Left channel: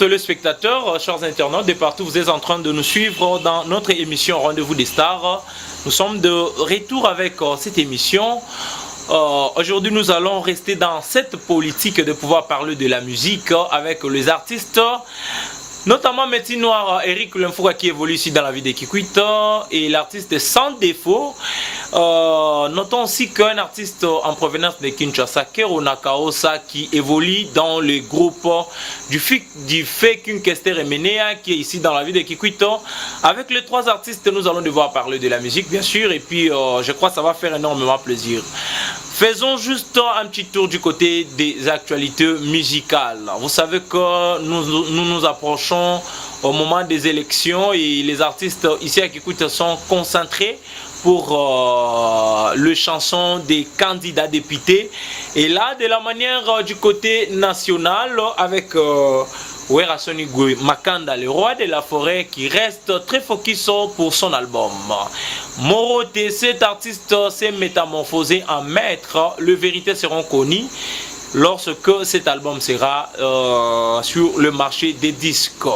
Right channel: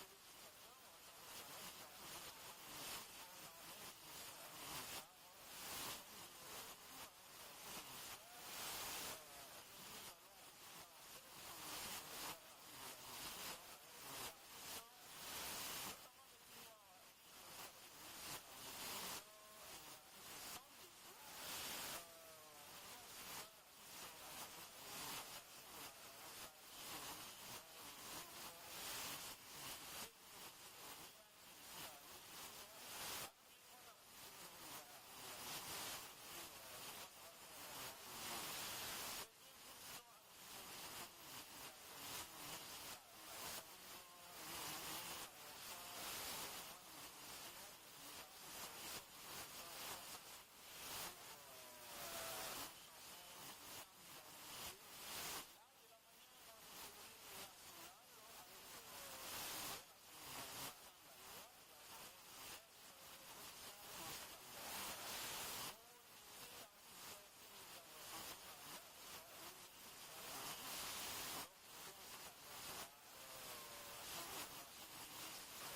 téléspectateurs, chers internautes, de partout, vous êtes en train de nous suivre dans notre émission Rendez-vous des Stars. Nous sommes de retour avec cette émission. Aujourd'hui, nous allons rester dans cette politique de pouvoir parler de la musique avec les artistes, notamment Métis Noir, Eric Lemfouga qui évolue ici dans la vie de Kikwit et l'artiste Sans Défaut. Notons aussi qu'un artiste en provenance de Kinshasa, Kero Nakaosa, qui évolue dans le groupe du fait Kester et Menea, qui est ici dans la ville de Kikwito. Avec les trois artistes, nous allons devoir parler de la musique, bien sûr, et puis je crois que ça va faire énormément plaisir. Faisons juste un petit tour du côté des actualités musicales. Vous savez que nous approchons au moment des élections et les artistes ici à Kikwit sont concentrés pour le chanson des candidats députés. Et là, de la manière du côté national, avec Werasoni Makanda, le roi de la forêt, qui reste très focus pour son album. Moroté, cet artiste s'est métamorphosé en maître. Les vérités seront connues lorsque cet album sera sur le marché des disques.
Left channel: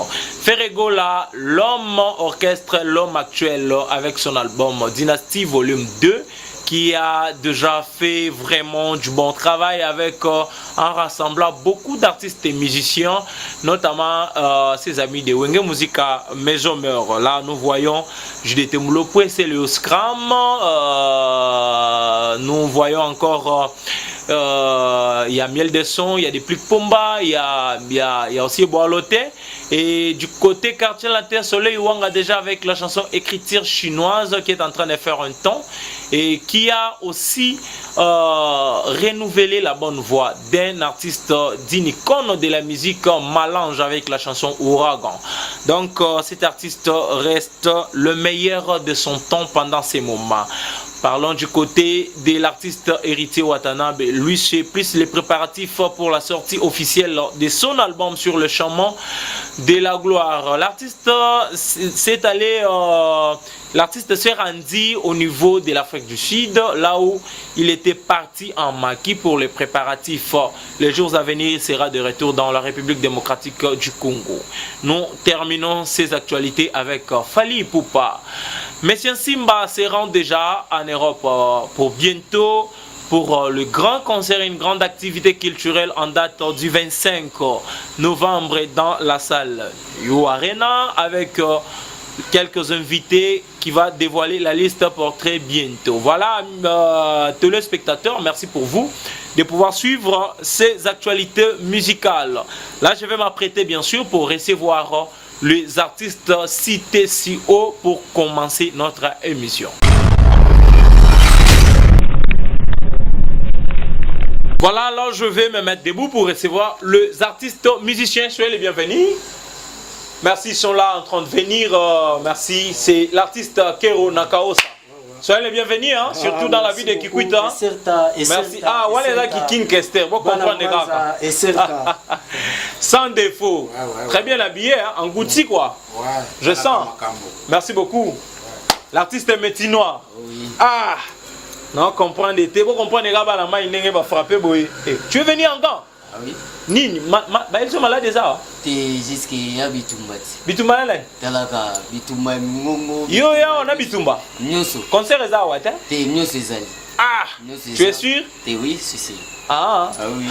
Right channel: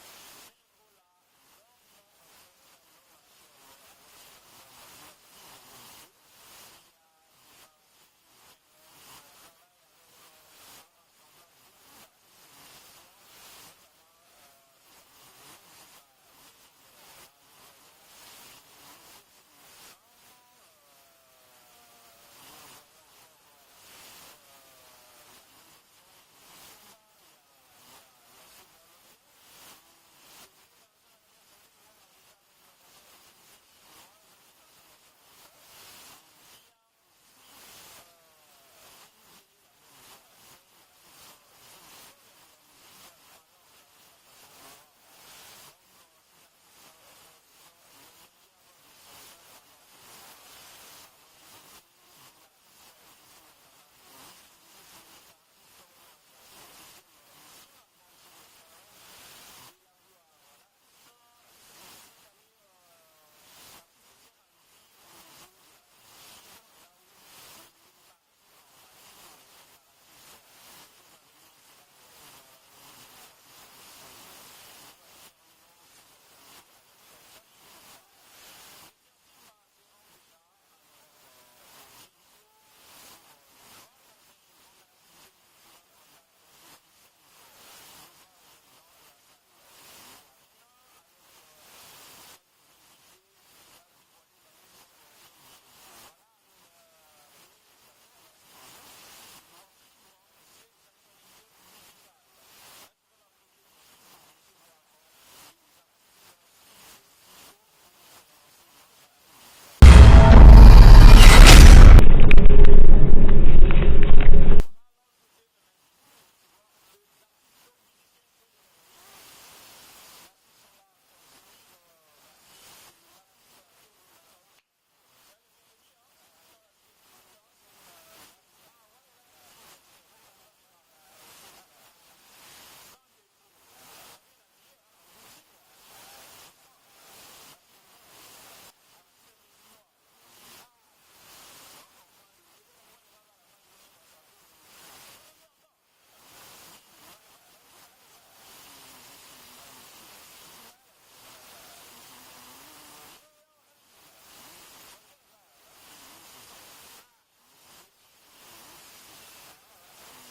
Ferregola, l'homme orchestre, l'homme actuel avec son album Dynasty Volume 2 qui a déjà fait vraiment du bon travail avec en rassemblant beaucoup d'artistes et musiciens, notamment ses amis de Wenge Musica Maison Meur. Là, nous voyons JDT Moulopoué, c'est le Scram. Nous voyons encore il y a Miel de Son, il y a des Pliques Pomba, il y a aussi Boaloté. Et du côté quartier La Terre Soleil, Wang a déjà avec la chanson Écriture chinoise qui est en train de faire un temps et qui a aussi renouvelé la bonne voix d'un artiste, d'une icône de la musique Malange avec la chanson Ouragan. Donc cet artiste reste le meilleur de son temps pendant ces moments. Parlons du côté de l'artiste Héritier Watanabe. Lui, c'est plus les préparatifs pour la sortie officielle de son album sur le chemin de la gloire. L'artiste s'est allé, l'artiste s'est rendu au niveau de l'Afrique du Sud, là où il était parti en maquis pour les préparatifs. Les jours à venir, il sera de retour dans la République démocratique du Congo. Nous terminons ces actualités avec Fally Ipupa. Monsieur Simba se rend déjà en Europe pour bientôt pour le grand concert, une grande activité culturelle en date du 25 novembre dans la salle You Arena avec quelques invités qui va dévoiler la liste pour très bientôt. Voilà, téléspectateurs, merci pour vous de pouvoir suivre ces actualités musicales. Là, je vais m'apprêter bien sûr pour recevoir les artistes cités si haut pour commencer notre émission. Voilà, alors je vais me mettre debout pour recevoir les artistes musiciens. Soyez les bienvenus. Merci, ils sont là en train de venir. Merci, c'est l'artiste Kero Nakaosa. Soyez les bienvenus, hein, surtout dans la ville de Kikwit. Merci. Ah, voilà qui King Kester. Vous comprenez ça. Sans défaut. Très bien habillé, hein, en goutti quoi. Je sens. Merci beaucoup. L'artiste est Métis Noir. Ah, non, comprendre. Vous comprenez là, la main il va frapper. Tu es venu encore? Ah oui. Nini, ils sont malades déjà. T'es jusqu'à Bitumba. Bitumba là? Talaka, Bitumba, Momo. Yo, on a Bitumba. Nyoso. Concert est à Ouate? T'es Nyoso Zali. Ah, tu es sûr? T'es oui, c'est. Ah, oui.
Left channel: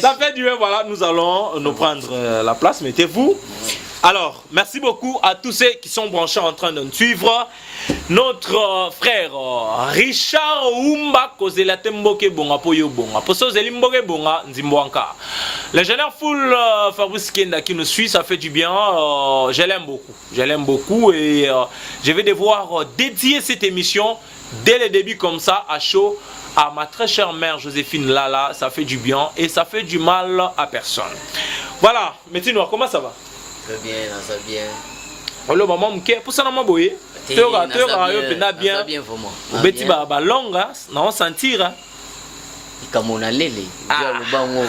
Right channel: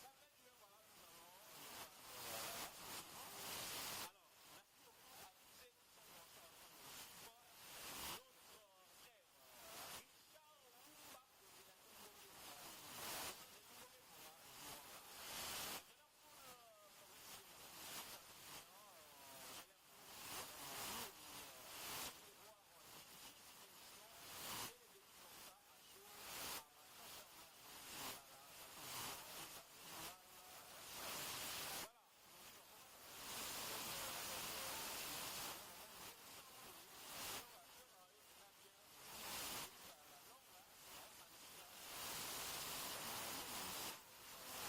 Ça fait du bien, voilà, nous allons nous prendre la place, mettez-vous. Alors, merci beaucoup à tous ceux qui sont branchés en train de nous suivre. Notre frère Richard Oumba Kozela Temboke Bonga Poyo Bonga. Poso Zelimboke Bonga Nzimboanka. Le général Full Fabrice Kenda qui nous suit, ça fait du bien. Je l'aime beaucoup. Je l'aime beaucoup et je vais devoir dédier cette émission dès le début comme ça à chaud à ma très chère mère Joséphine Lala. Ça fait du bien et ça fait du mal à personne. Voilà, Métis Noir, comment ça va? Très bien, ça va bien. Le maman mke pour ça non boye. Tu auras bien. Bien vraiment. Beti ba longa, non sentir. Comme on a lélé.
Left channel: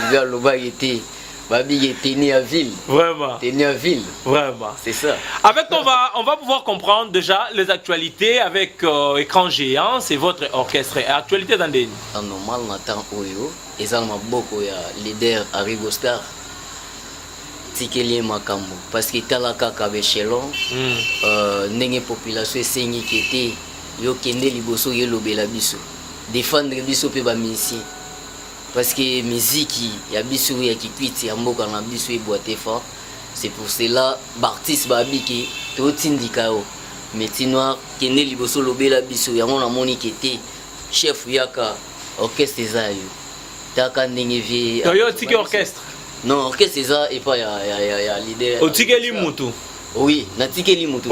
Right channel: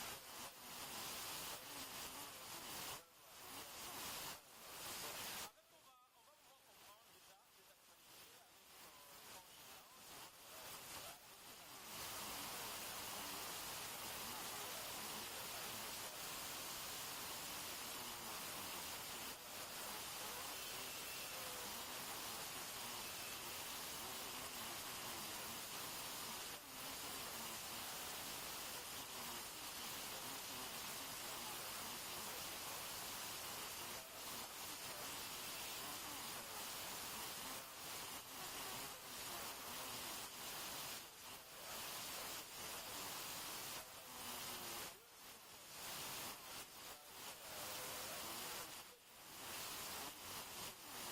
Via le bas était. Babi était né à ville. Vraiment. T'es né à ville. Vraiment. C'est ça. Avec on va pouvoir comprendre déjà les actualités avec écran géant, c'est votre orchestre. Actualité dans des. En normal, on attend Oyo. Et ça m'a beaucoup leader Arrigo Star. tikeli makambo parce que tala kaka bechelon ndenge population esengi kete yo kende liboso yelobela biso défendre biso pe ba musicien parce que musique ya biso ya kikwiti ya mboka na biso eboite fort. C'est pour cela l'artiste babiki to tindika o métier noir kende liboso lobela biso yango na moni kete chef yaka orchestre zayo taka ndenge vie yo tiki orchestre. Non, orchestre ça et pas ya leader. O tikeli mutu. Oui, na tikeli mutu.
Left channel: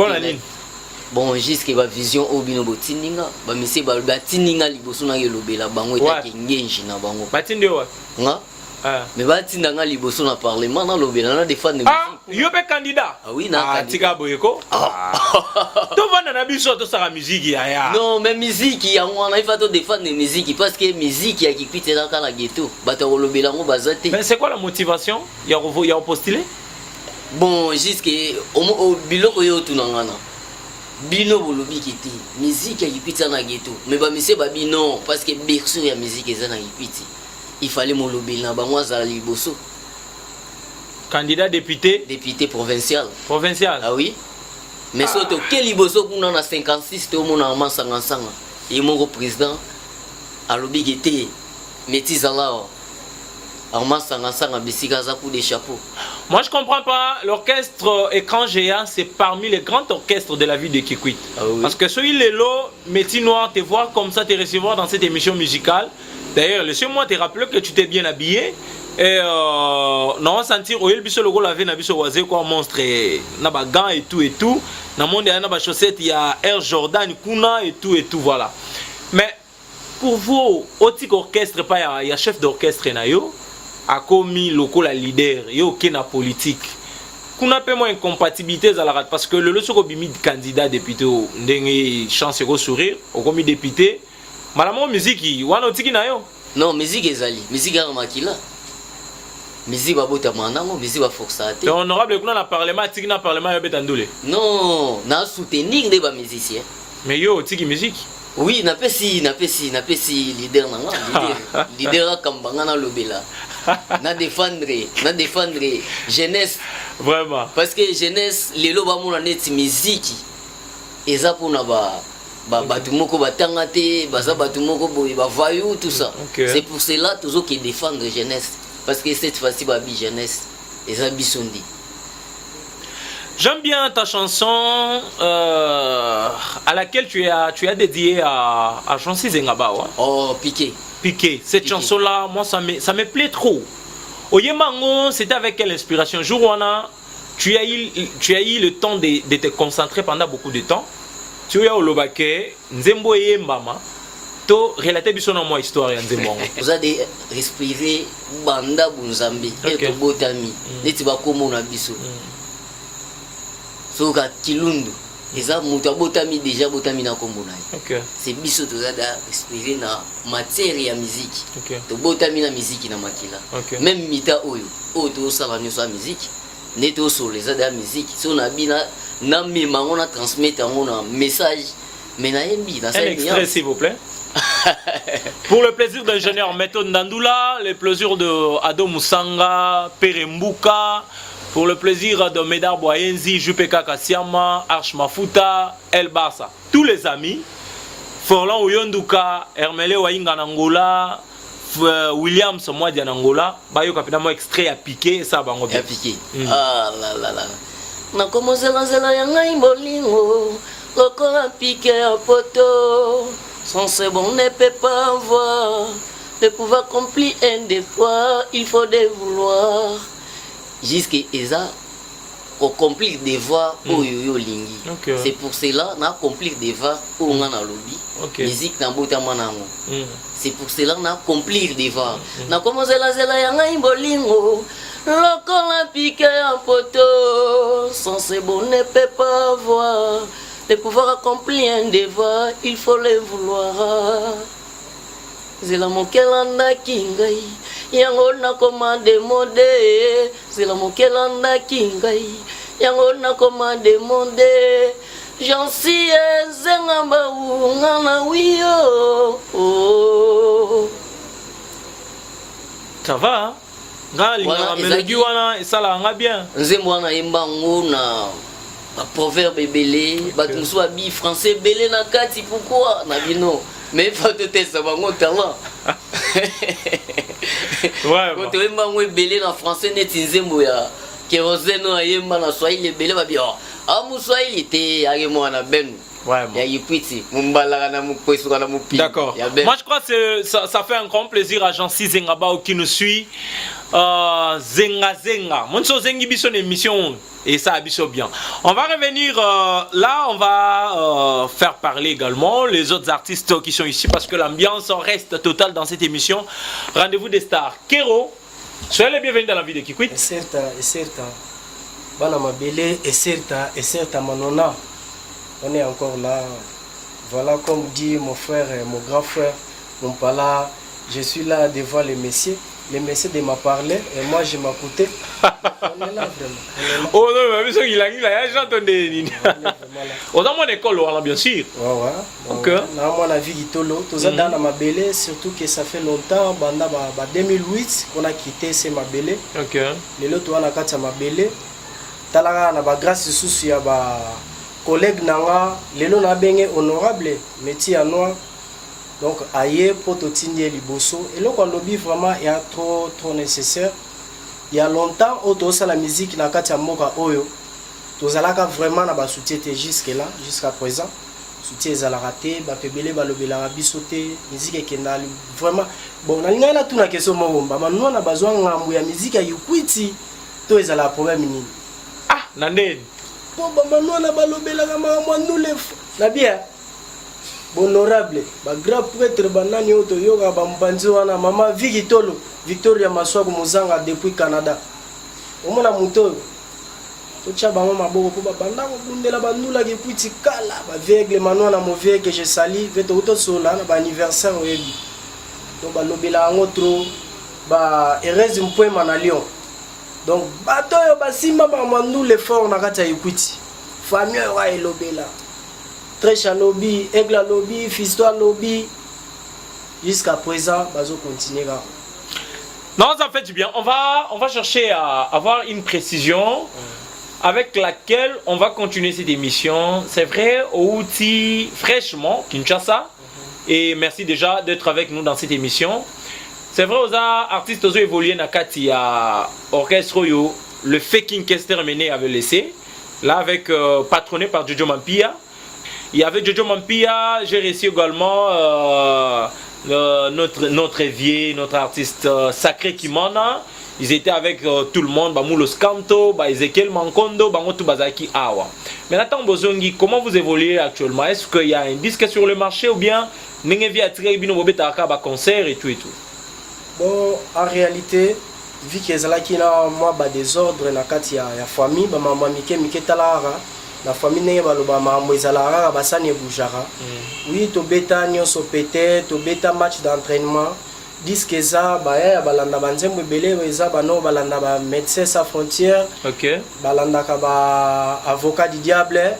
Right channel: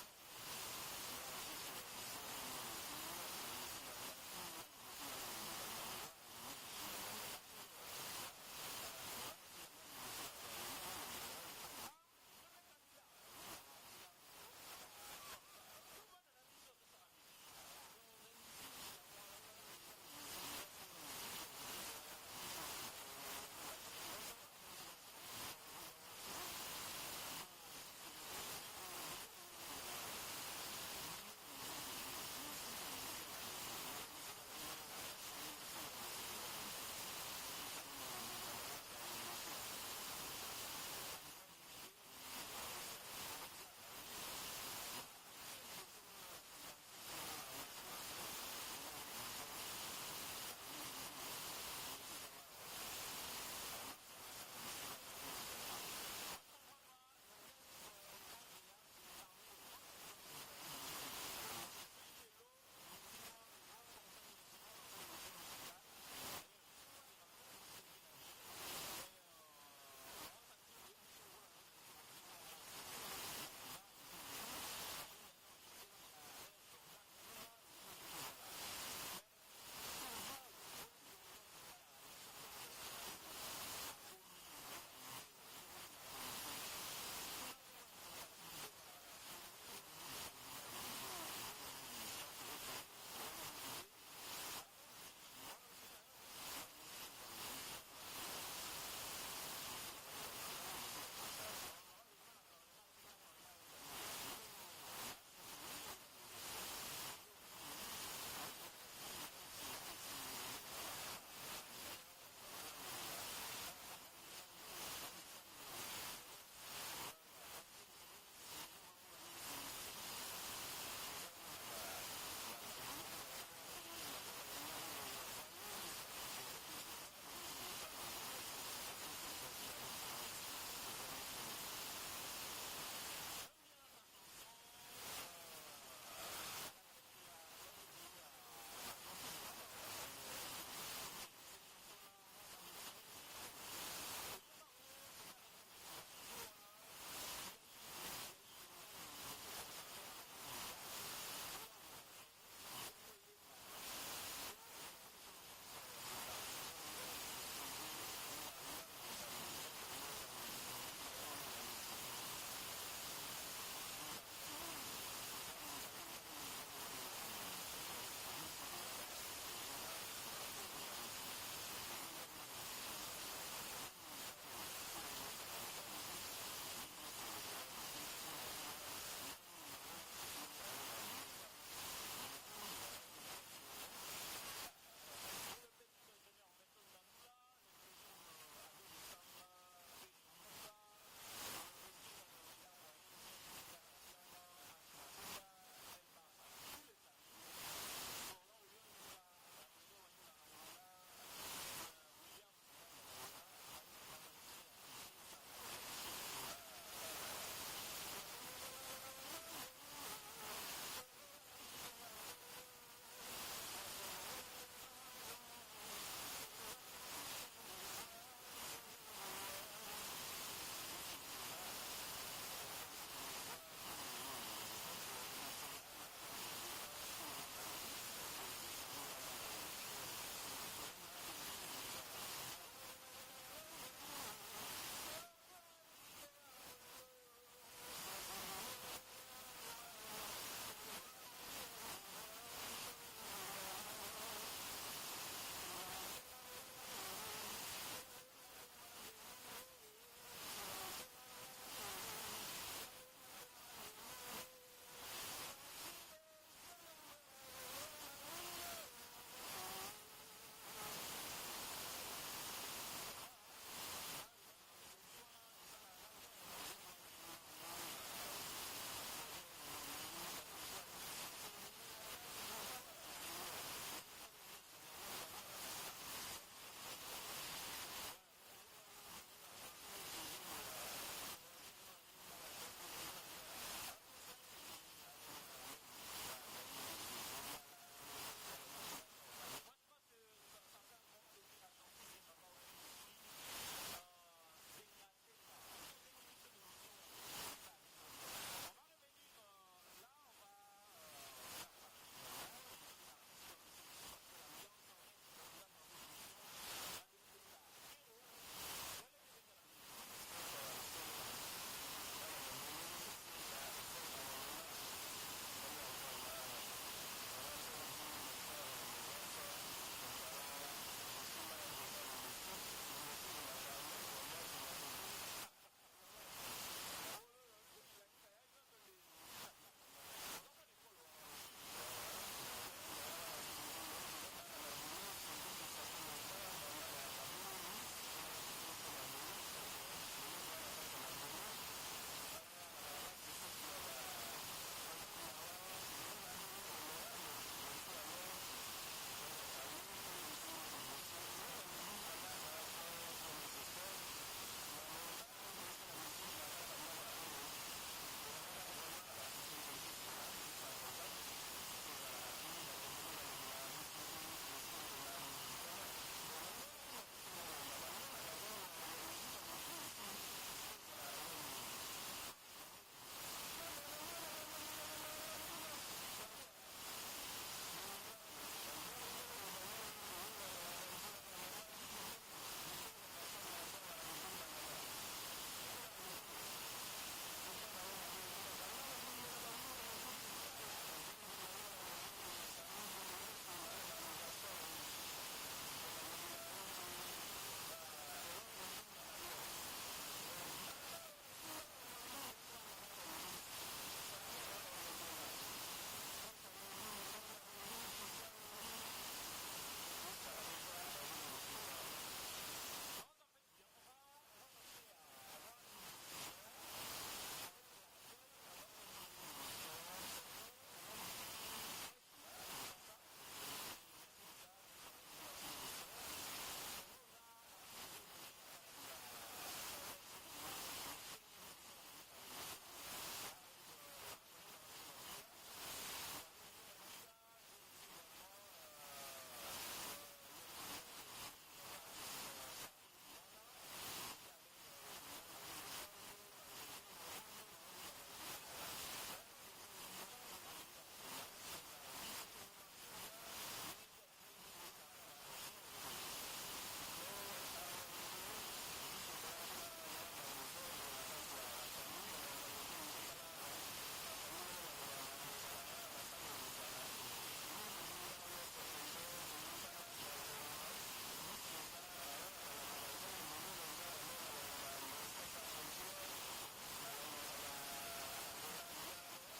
Bon, jusqu'à ba vision obino botininga, ba misi ba tininga liboso na yelobela bango etaki ngenji na bango. Batinde wa. Nga? Mais ba tinanga liboso na parlement na lobela na défendre musique. Yo be candidat. Ah oui, na candidat. Tika boyeko. To vanda na biso to saka musique ya. Non, mais musique ya ngwana il faut to défendre musique parce que musique ya kikwite na kala ghetto, ba to lobela ngo bazate. Mais c'est quoi la motivation? Ya postuler? Bon, jusqu'à au biloko yo tunangana. Bino bolobi kiti musique ya kikwiti na ghetto mais ba mise ba bino parce que berceau ya musique eza na kikwiti il fallait mo lobeli na bango za liboso candidat député provincial ah oui mais surtout quel liboso kuna na 56 to mona masanga sanga et mon président alobi kiti métis alors des chapeaux. Moi je comprends pas, l'orchestre Écran Géant c'est parmi les grands orchestres de la ville de Kikwit. Ah oui. Parce que celui les lots, métier noir, te voir comme ça, te recevoir dans cette émission musicale. D'ailleurs, laissez-moi te rappeler que tu t'es bien habillé. Et non, sentir au biso logo lavé na biso wazé quoi monstre na ba gants et tout. Na monde ya na ba chaussettes, il y a Air Jordan kuna et tout voilà. Mais pour vous, autre orchestre pas il y a chef d'orchestre na yo. A commis local la leader yo na politique kuna pe mo incompatibilité à la rate parce que le soko bimi candidat député ndenge chance ko sourire au commis député malamo musique wana otiki na yo non musique ezali musique ya makila musique ba bota manango musique ba forçate honorable kuna na parlement tiki na parlement yo betandule non na soutenir des ba musiciens mais yo otiki musique oui na pesi leader nanga leader kambanga na lobela na défendre jeunesse vraiment parce que jeunesse lelo ba mona net musique eza pona ba batu moko batanga te baza batu moko boye ba vayu tout ça c'est pour cela toujours qui défendre jeunesse parce que cette fois-ci ba bi jeunesse eza bisondi. J'aime bien ta chanson à laquelle tu as dédié à Chancy Zengaba. Oh, Piqué. Cette chanson-là, moi, ça me plaît trop. Oyemango, c'était avec quelle inspiration? Jouana, tu as eu le temps de te concentrer pendant beaucoup de temps. Tu as eu Olobake, Nzembo et Mbama. Tu as relaté moi histoire Nzembo. Vous avez respiré Banda Bunzambi et Botami. Netiba Komo Nabiso. Soka Kilundu. Eza muta botami déjà botami na kombona. C'est biso to da respirer na matière ya musique. To botami na musique na makila. Même mita oyo to sala nyo sa musique. Neto so les da musique. So na bina na memango na transmettre na message. Mais na yembi na un extrait s'il vous plaît. Pour le plaisir d'ingénieur Meto Ndandoula, le plaisir de Ado Musanga, Perembuka. Pour le plaisir de Medar Boyenzi, Jupeka Kassiama, Arch Mafuta, El Barça. Tous les amis, Forlan Oyonduka, Hermele Wainga Nangola, Williams Mwadi Nangola, Bayo Kapitamo extrait à piquer, ça va à piquer. Ah là là là. Na como zela yanga imbolingo, lokola piqué à poto. Sans ce bon ne peut pas avoir, ne pouvoir accomplir un devoir, il faut des vouloir. Jusqu'à Eza, on complique des voix au yo lingi. C'est pour cela qu'on a compliqué des voix au ngana lobby. Musique na bota manango. C'est pour cela qu'on a compliqué des voix. Na commencé la zela yanga imbolingo. Lokola piqué en poteau. Sans ce bon ne peut pas avoir. De pouvoir accomplir un devoir, il faut le vouloir. Zela mokelanda kingai. Yango na commande mode, c'est la mokelanda kingai. Yango na commande mode, j'en suis zengamba ou ngana wiyo. Ça va hein? la mélodie et ça là bien. Nzembo wana yembango na proverbe belé, bato musu abi français belé na kati pourquoi na bino mais faut te tester bango talent. Ouais. Quand tu yembango belé na français net nzembo ya kérosène na yemba na swahili belé ba bien. Ah mu swahili te agemo na benu. Ouais, d'accord. Moi je crois que ça fait un grand plaisir à Jean-C Zengabao qui nous suit. Zenga Zenga. Mon so zengi biso émission et ça biso bien. On va revenir là, on va faire parler également les autres artistes qui sont ici parce que l'ambiance reste totale dans cette émission. Rendez-vous des stars. Kero, soyez les bienvenus dans la vie de Kikwit. Et certain. Bana mabele et certain manona. On est encore là. Voilà, comme dit mon frère, mon grand frère, mon pala, je suis là devant les messieurs. Les messieurs de m'a parlé et moi je m'écoutais. On est là vraiment. Oh non, mais ce qu'il a dit, j'ai entendu. On a mon école, bien sûr. Ouais. Ok. On a vu Gitolo. Tout ça dans ma belle, surtout que ça fait longtemps, en 2008 qu'on a quitté ce Mabélé. Ok. Les autres, on a quitté Mabélé. Talaga, on a grâce souci à collègue nanga lelo na benge honorable métier à noir donc aye pototindie liboso et là quand lobby vraiment est trop nécessaire il y a longtemps auto ça la musique na kati ya moka oyo tozalaka vraiment na ba soutien jusqu'à présent soutien ezala raté ba pebele ba lobela biso te musique ekenda vraiment bon na linga na tuna question mo ba manu na bazwa ngambu ya musique ya Kikwiti to ezala problème nini na ndeni po bamano na balobelaka makambo le na bien honorable ba grand prêtre banani oto yoka bambanzi wana mama Vigitolo Victoria Maswaku Muzanga depuis Canada omona muto to tcha bango maboko po babanda ko bundela bandula Kikwiti kala ba viegle mano na mauvais que je sali veto to sola na ba anniversaire oyebi to balobela ngo trop ba ereze mpoema na Lyon. Donc, bato yo basimba nous l'effort na kati ya Kikwiti. Famille wa elobela. Tresha lobby, Egla lobby, Fisto lobby. Jusqu'à présent, bazo continuer là. Non, ça fait du bien. On va chercher à avoir une précision avec laquelle on va continuer cette émission. C'est vrai, au outil fraîchement Kinshasa. Et merci déjà d'être avec nous dans cette émission. C'est vrai, aux artistes ont évolué dans Kati à Orchestre Yo, le Faking Kester Mené avait laissé, là avec patronné par Jojo Mampia. Il y avait Jojo Mampia, j'ai réussi également notre évier, notre artiste sacré Kimana. Ils étaient avec tout le monde, Moulos Kanto, Ezekiel Mankondo, tout Bazaki Awa. Mais Nathan Bozongi, comment vous évoluez actuellement? Est-ce qu'il y a un disque sur le marché ou bien Nengevi a tiré Bino Bobeta Akaba concert et tout et tout? Bon, en réalité, vu que ezalaki na moi ba désordre na kati ya famille ba mama mike talara na famille nenge baloba mambo ezalaka basani ebujaka oui to beta nyonso pété to beta match d'entraînement disque eza ba ya balanda banzembo ebele eza bano balanda ba médecins sans frontières OK balanda ka ba avocat du diable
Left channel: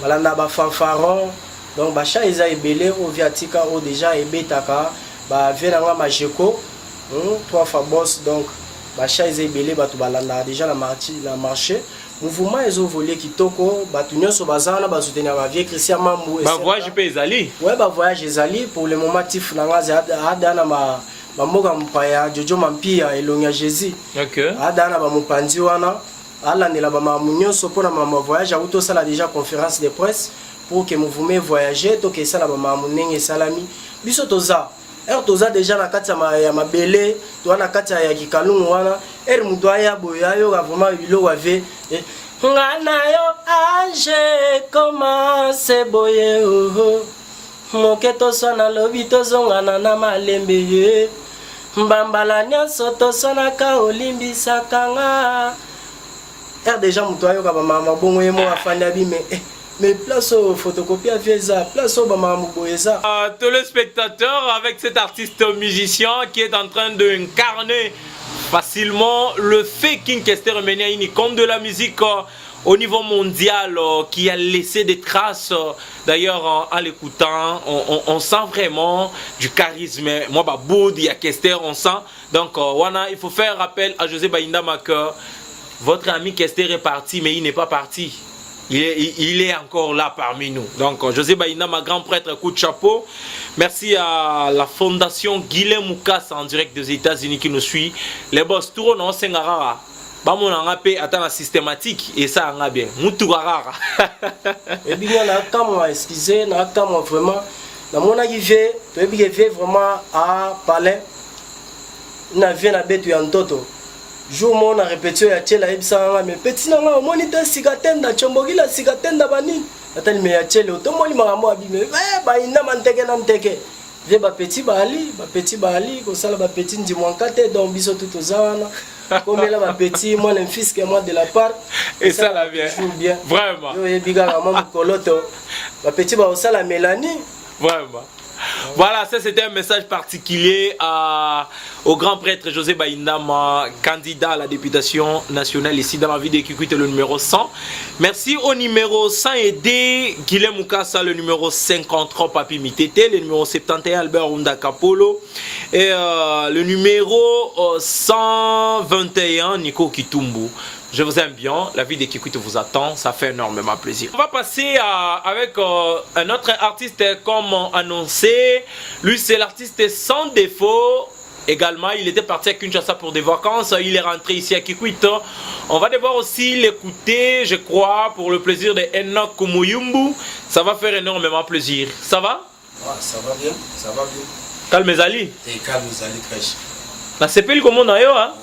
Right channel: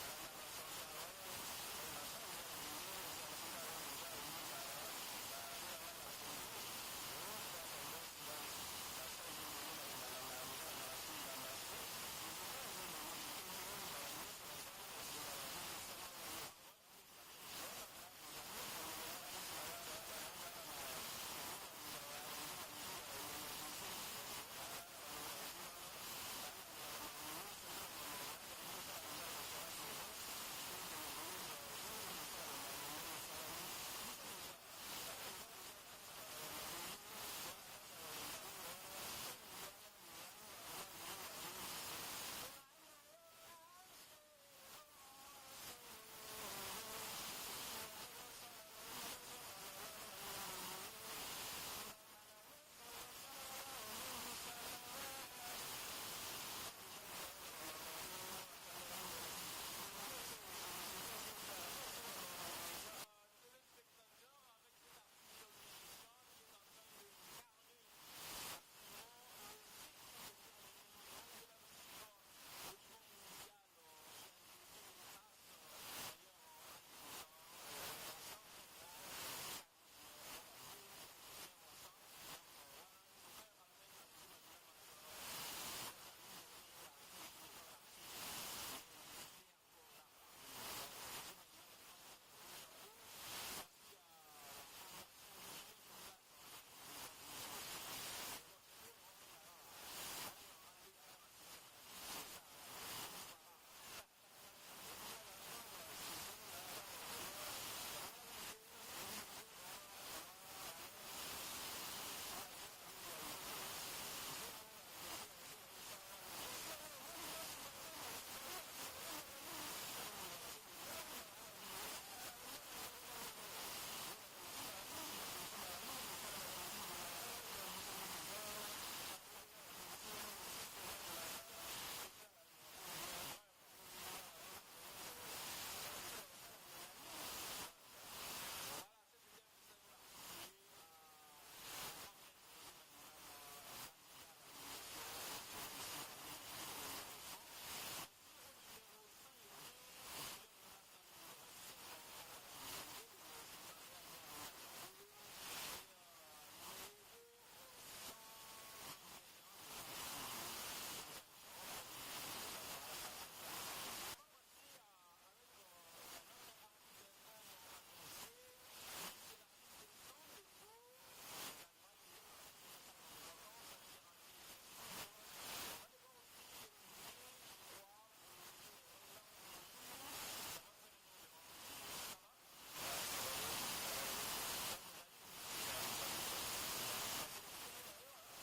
balanda ba fanfaron donc ba cha eza ebele o viatika o déjà ebetaka ba venanga majeko 3 fois boss donc bacha ezebele batu balanda déjà la marché mouvement ezo volé kitoko batu nyonso bazana ba soutenir ba vie Christian Mambu ba voyage pe ezali ouais ba voyage ezali pour le moment tif na ngaza adana ma mboka mpaya Jojo Mampia elonga Jésus OK adana ba mupanzi wana alandela ba mamu nyonso pona mama voyage auto sala déjà conférence de presse pour que mouvement voyager to ke sala ba mamu nenge salami biso toza toza déjà na kati ya mabele to na kati ya kikalungu wana mutu aya boya yo vraiment bilo wave ngana yo age commence boye moke toswana lobi tozongana na malembe mbambala nyonso toswanaka olimbisaka nga déjà mutu ayo ka bamama bongo ye mo afandi abime mais place au photocopie à Fiesa, place au Bamamouboeza. Téléspectateurs, avec cet artiste musicien qui est en train d'incarner facilement le Faking Kester Meniaini comme de la musique au niveau mondial qui a laissé des traces. D'ailleurs, en l'écoutant, on sent vraiment du charisme. Moi, Boud, il y a Kester, on sent. Donc, il faut faire appel à José Baindama que votre ami Kester est parti, mais il n'est pas parti. Il est encore là parmi nous. Donc, José Baindama, grand prêtre, coup de chapeau. Merci à la fondation Guilhem Moukassa en direct des États-Unis qui nous suit. Les boss, tout le monde, c'est Ngara. On a la systématique et ça a bien. Moutourara. Et bien, on a excusé, on a vraiment. On a vraiment à parler. On a vu un bête en toto. Jour où on a répété à Tchela Ebsa, mais petit n'a au moniteur cigatenda, Chombogi la cigatenda banine. Attends, mais à Tchela, tout le monde m'a abîmé. Il n'a pas de Viens petit Bali, comme ça, petit Ndimouankate, donc biso tout aux ânes. Comme là, ma petit, moi, un fils qui est moi de la part. Et ça, là, bien. Vraiment. Yo, biga, maman, coloto. Ma petit, bah, ça, la Mélanie. Vraiment. Voilà, ça c'était un message particulier au grand prêtre José Baindama, candidat à la députation nationale ici dans la ville de Kikwit, le numéro 100. Merci au numéro 100 Guilhem Moukassa, le numéro 53 Papi Mitete, le numéro 71 Albert Runda Kapolo et le numéro 121 Nico Kitumbu. Je vous aime bien, la vie de Kikwit vous attend, ça fait énormément plaisir. On va passer avec un autre artiste comme annoncé. Lui, c'est l'artiste sans défaut. Également, il était parti à Kinshasa pour des vacances. Il est rentré ici à Kikwit. On va devoir aussi l'écouter, je crois, pour le plaisir de Enoch Kumuyumbu. Ça va faire énormément plaisir. Ça va? Ouais, ça va bien, ça va bien. Calme Ali. Et calme Ali Krèche. La CPL comme on a eu, hein?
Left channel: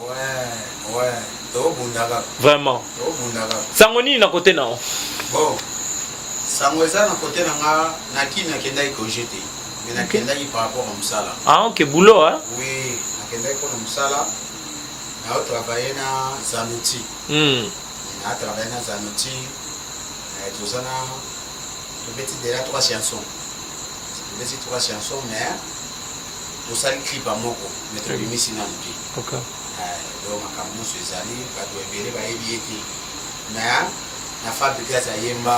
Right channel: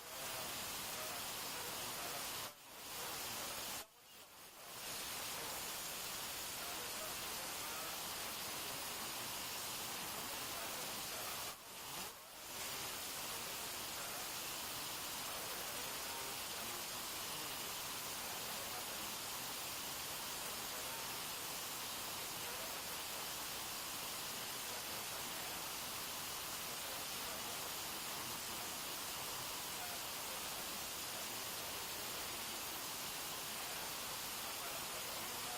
Ouais. Vraiment. Sangoni na côté non. Bon. Sangweza na côté na naki na kenda iko jeté. Mais na kenda par rapport à Msala. Ah OK, boulot hein. Oui, na kenda iko na Msala. Na travailler na Zanuti. Na travailler na Zanuti. Tout ça na petit déjà 3 chansons. Petit 3 chansons mais tout ça le clip à moko mettre le misi na mpi. OK. Makambo ezali bato ebele bayebi ete na fabrikas ayemba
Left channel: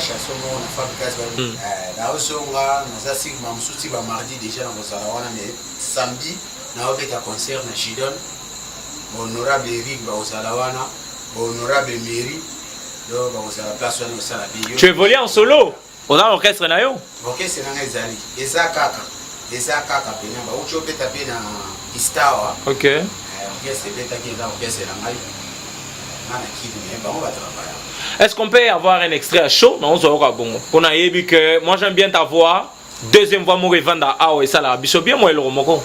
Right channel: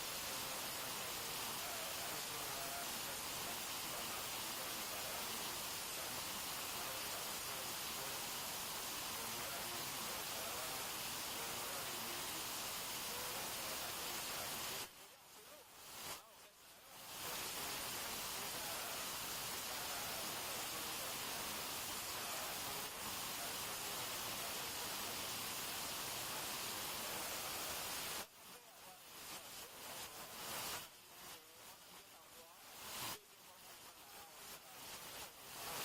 chanson moko na fabrikas naosonga naza sigma mosuti bamardi déjà na kozala wana mais samedi naobeta concert na Chidon honorable Eric bakozala wana honorable Mairie do bakozala place wana kosala biyo. Tu évolues en solo on a l'orchestre na yo? Orchestre nanga ezali eza kaka pena bauti obeta pe na Istawa. OK. Est-ce qu'on peut avoir un extrait à chaud? Non, ça aura bon. On a vu que moi j'aime bien ta voix. Deuxième voix, moi je vends à et ça là. Biso bien moi le romoko.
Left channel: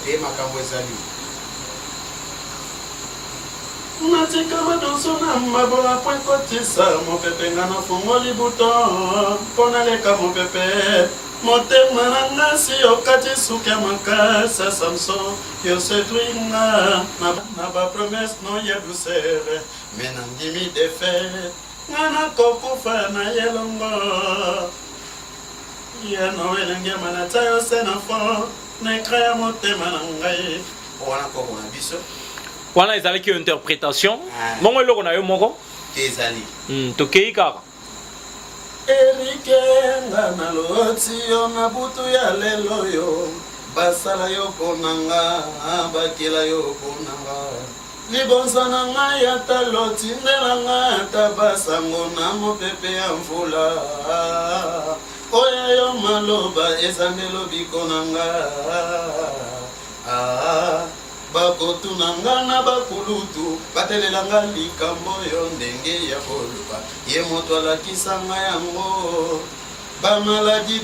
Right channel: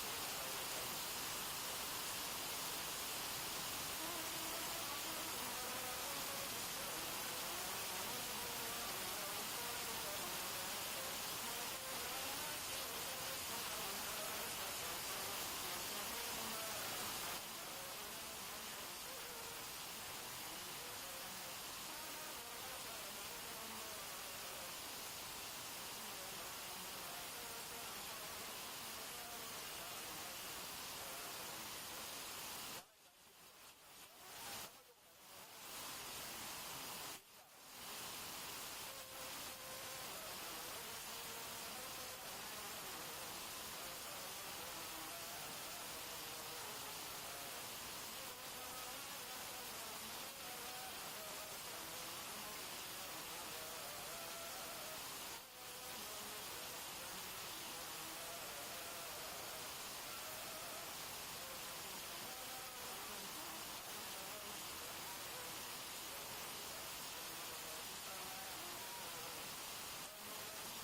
natikama danso na mabola po ekotisa mopepe nga na fungoli buton mpo naleka mopepe motema na ngasi okati suki ya makasi ya samson yosetwinga na bapromese no ya douceur me nandimi defete nga nakokufa na yelongo yano elengema na tia yose na fo na ekra ya motema na ngai wana koko na biso wana ezalaki yo interprétation mongo eloko na yo moko ezali tokei kaka erike nga naloti yo na butu ya lelo yo basala yo ponanga bakela yo ponanga libonza na ngai ata lotindelanga ata basango na mopepe ya mvula oya yo maloba eza melobiko na nga bakotunanga na bakulutu batelelanga likambo yo ndenge ya koluba ye moto alakisanga yango bamaladi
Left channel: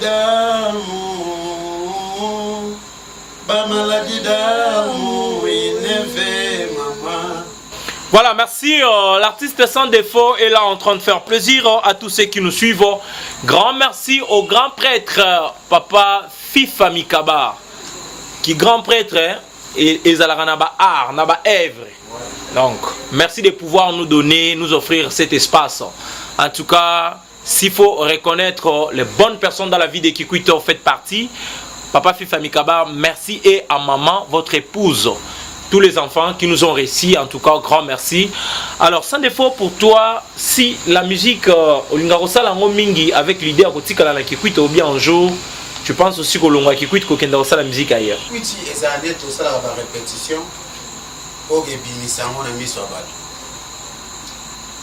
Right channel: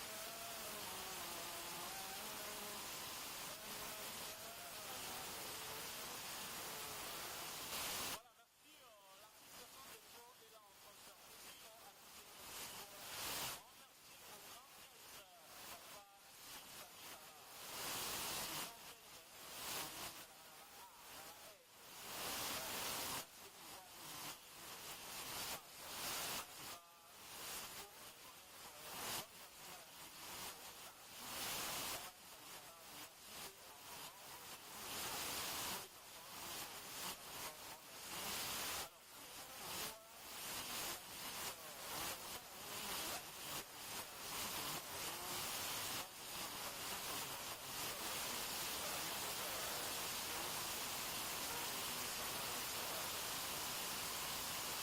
damu ineve mama. Voilà, merci. L'artiste sans défaut est là en train de faire plaisir à tous ceux qui nous suivent. Grand merci au grand prêtre Papa Fifa Mikaba, qui grand prêtre et Zalara Naba Art, Naba Èvre. Donc, merci de pouvoir nous donner, nous offrir cet espace. En tout cas, s'il faut reconnaître les bonnes personnes dans la vie de Kikwit, faites partie. Papa Fifa Mikaba, merci, et à maman, votre épouse. tous les enfants qui nous ont réussi, en tout cas, grand merci. Alors, sans défaut pour toi, si la musique, mingi avec l'idée à côté la Kikwit ou bien un jour, tu penses aussi que l'on Kikwit kokenda la musique ailleurs. Oui, et ça a tout ça la répétition pour que binisango na miso abatu.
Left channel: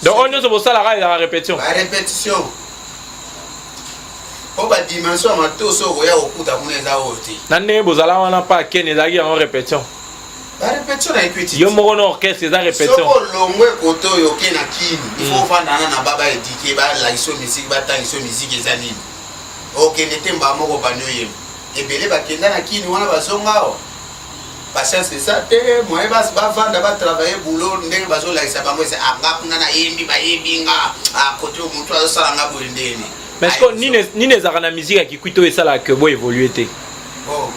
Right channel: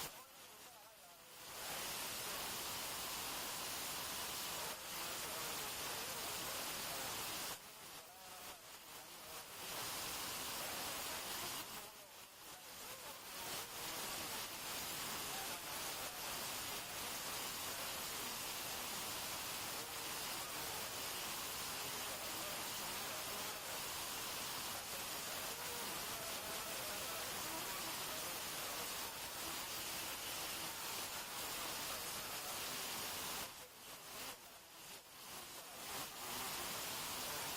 Donc on est sur la répétition. La répétition. Pour la dimension ma tout so ya okuta kuneza oti. Nane bozala wana pa ken ezaki en répétition. La répétition na equity. Yo moko na orchestre eza répétition. Soko longwe koto yo ke na kini. Il faut fandana na baba edike ba la iso musique ba ta iso musique ezanini. Ok netemba moko banyoye. Ebele bakenda na kini wana bazonga o. Patience c'est ça te moi ba vanda ba travailler boulot ndenge bazo la isa bango c'est anga kuna na yembi ba yebinga a koto mutu azosala nga bolindeni. Mais est-ce que ni les arana musique à Kikwito et ça là que vous évoluez té. Bon.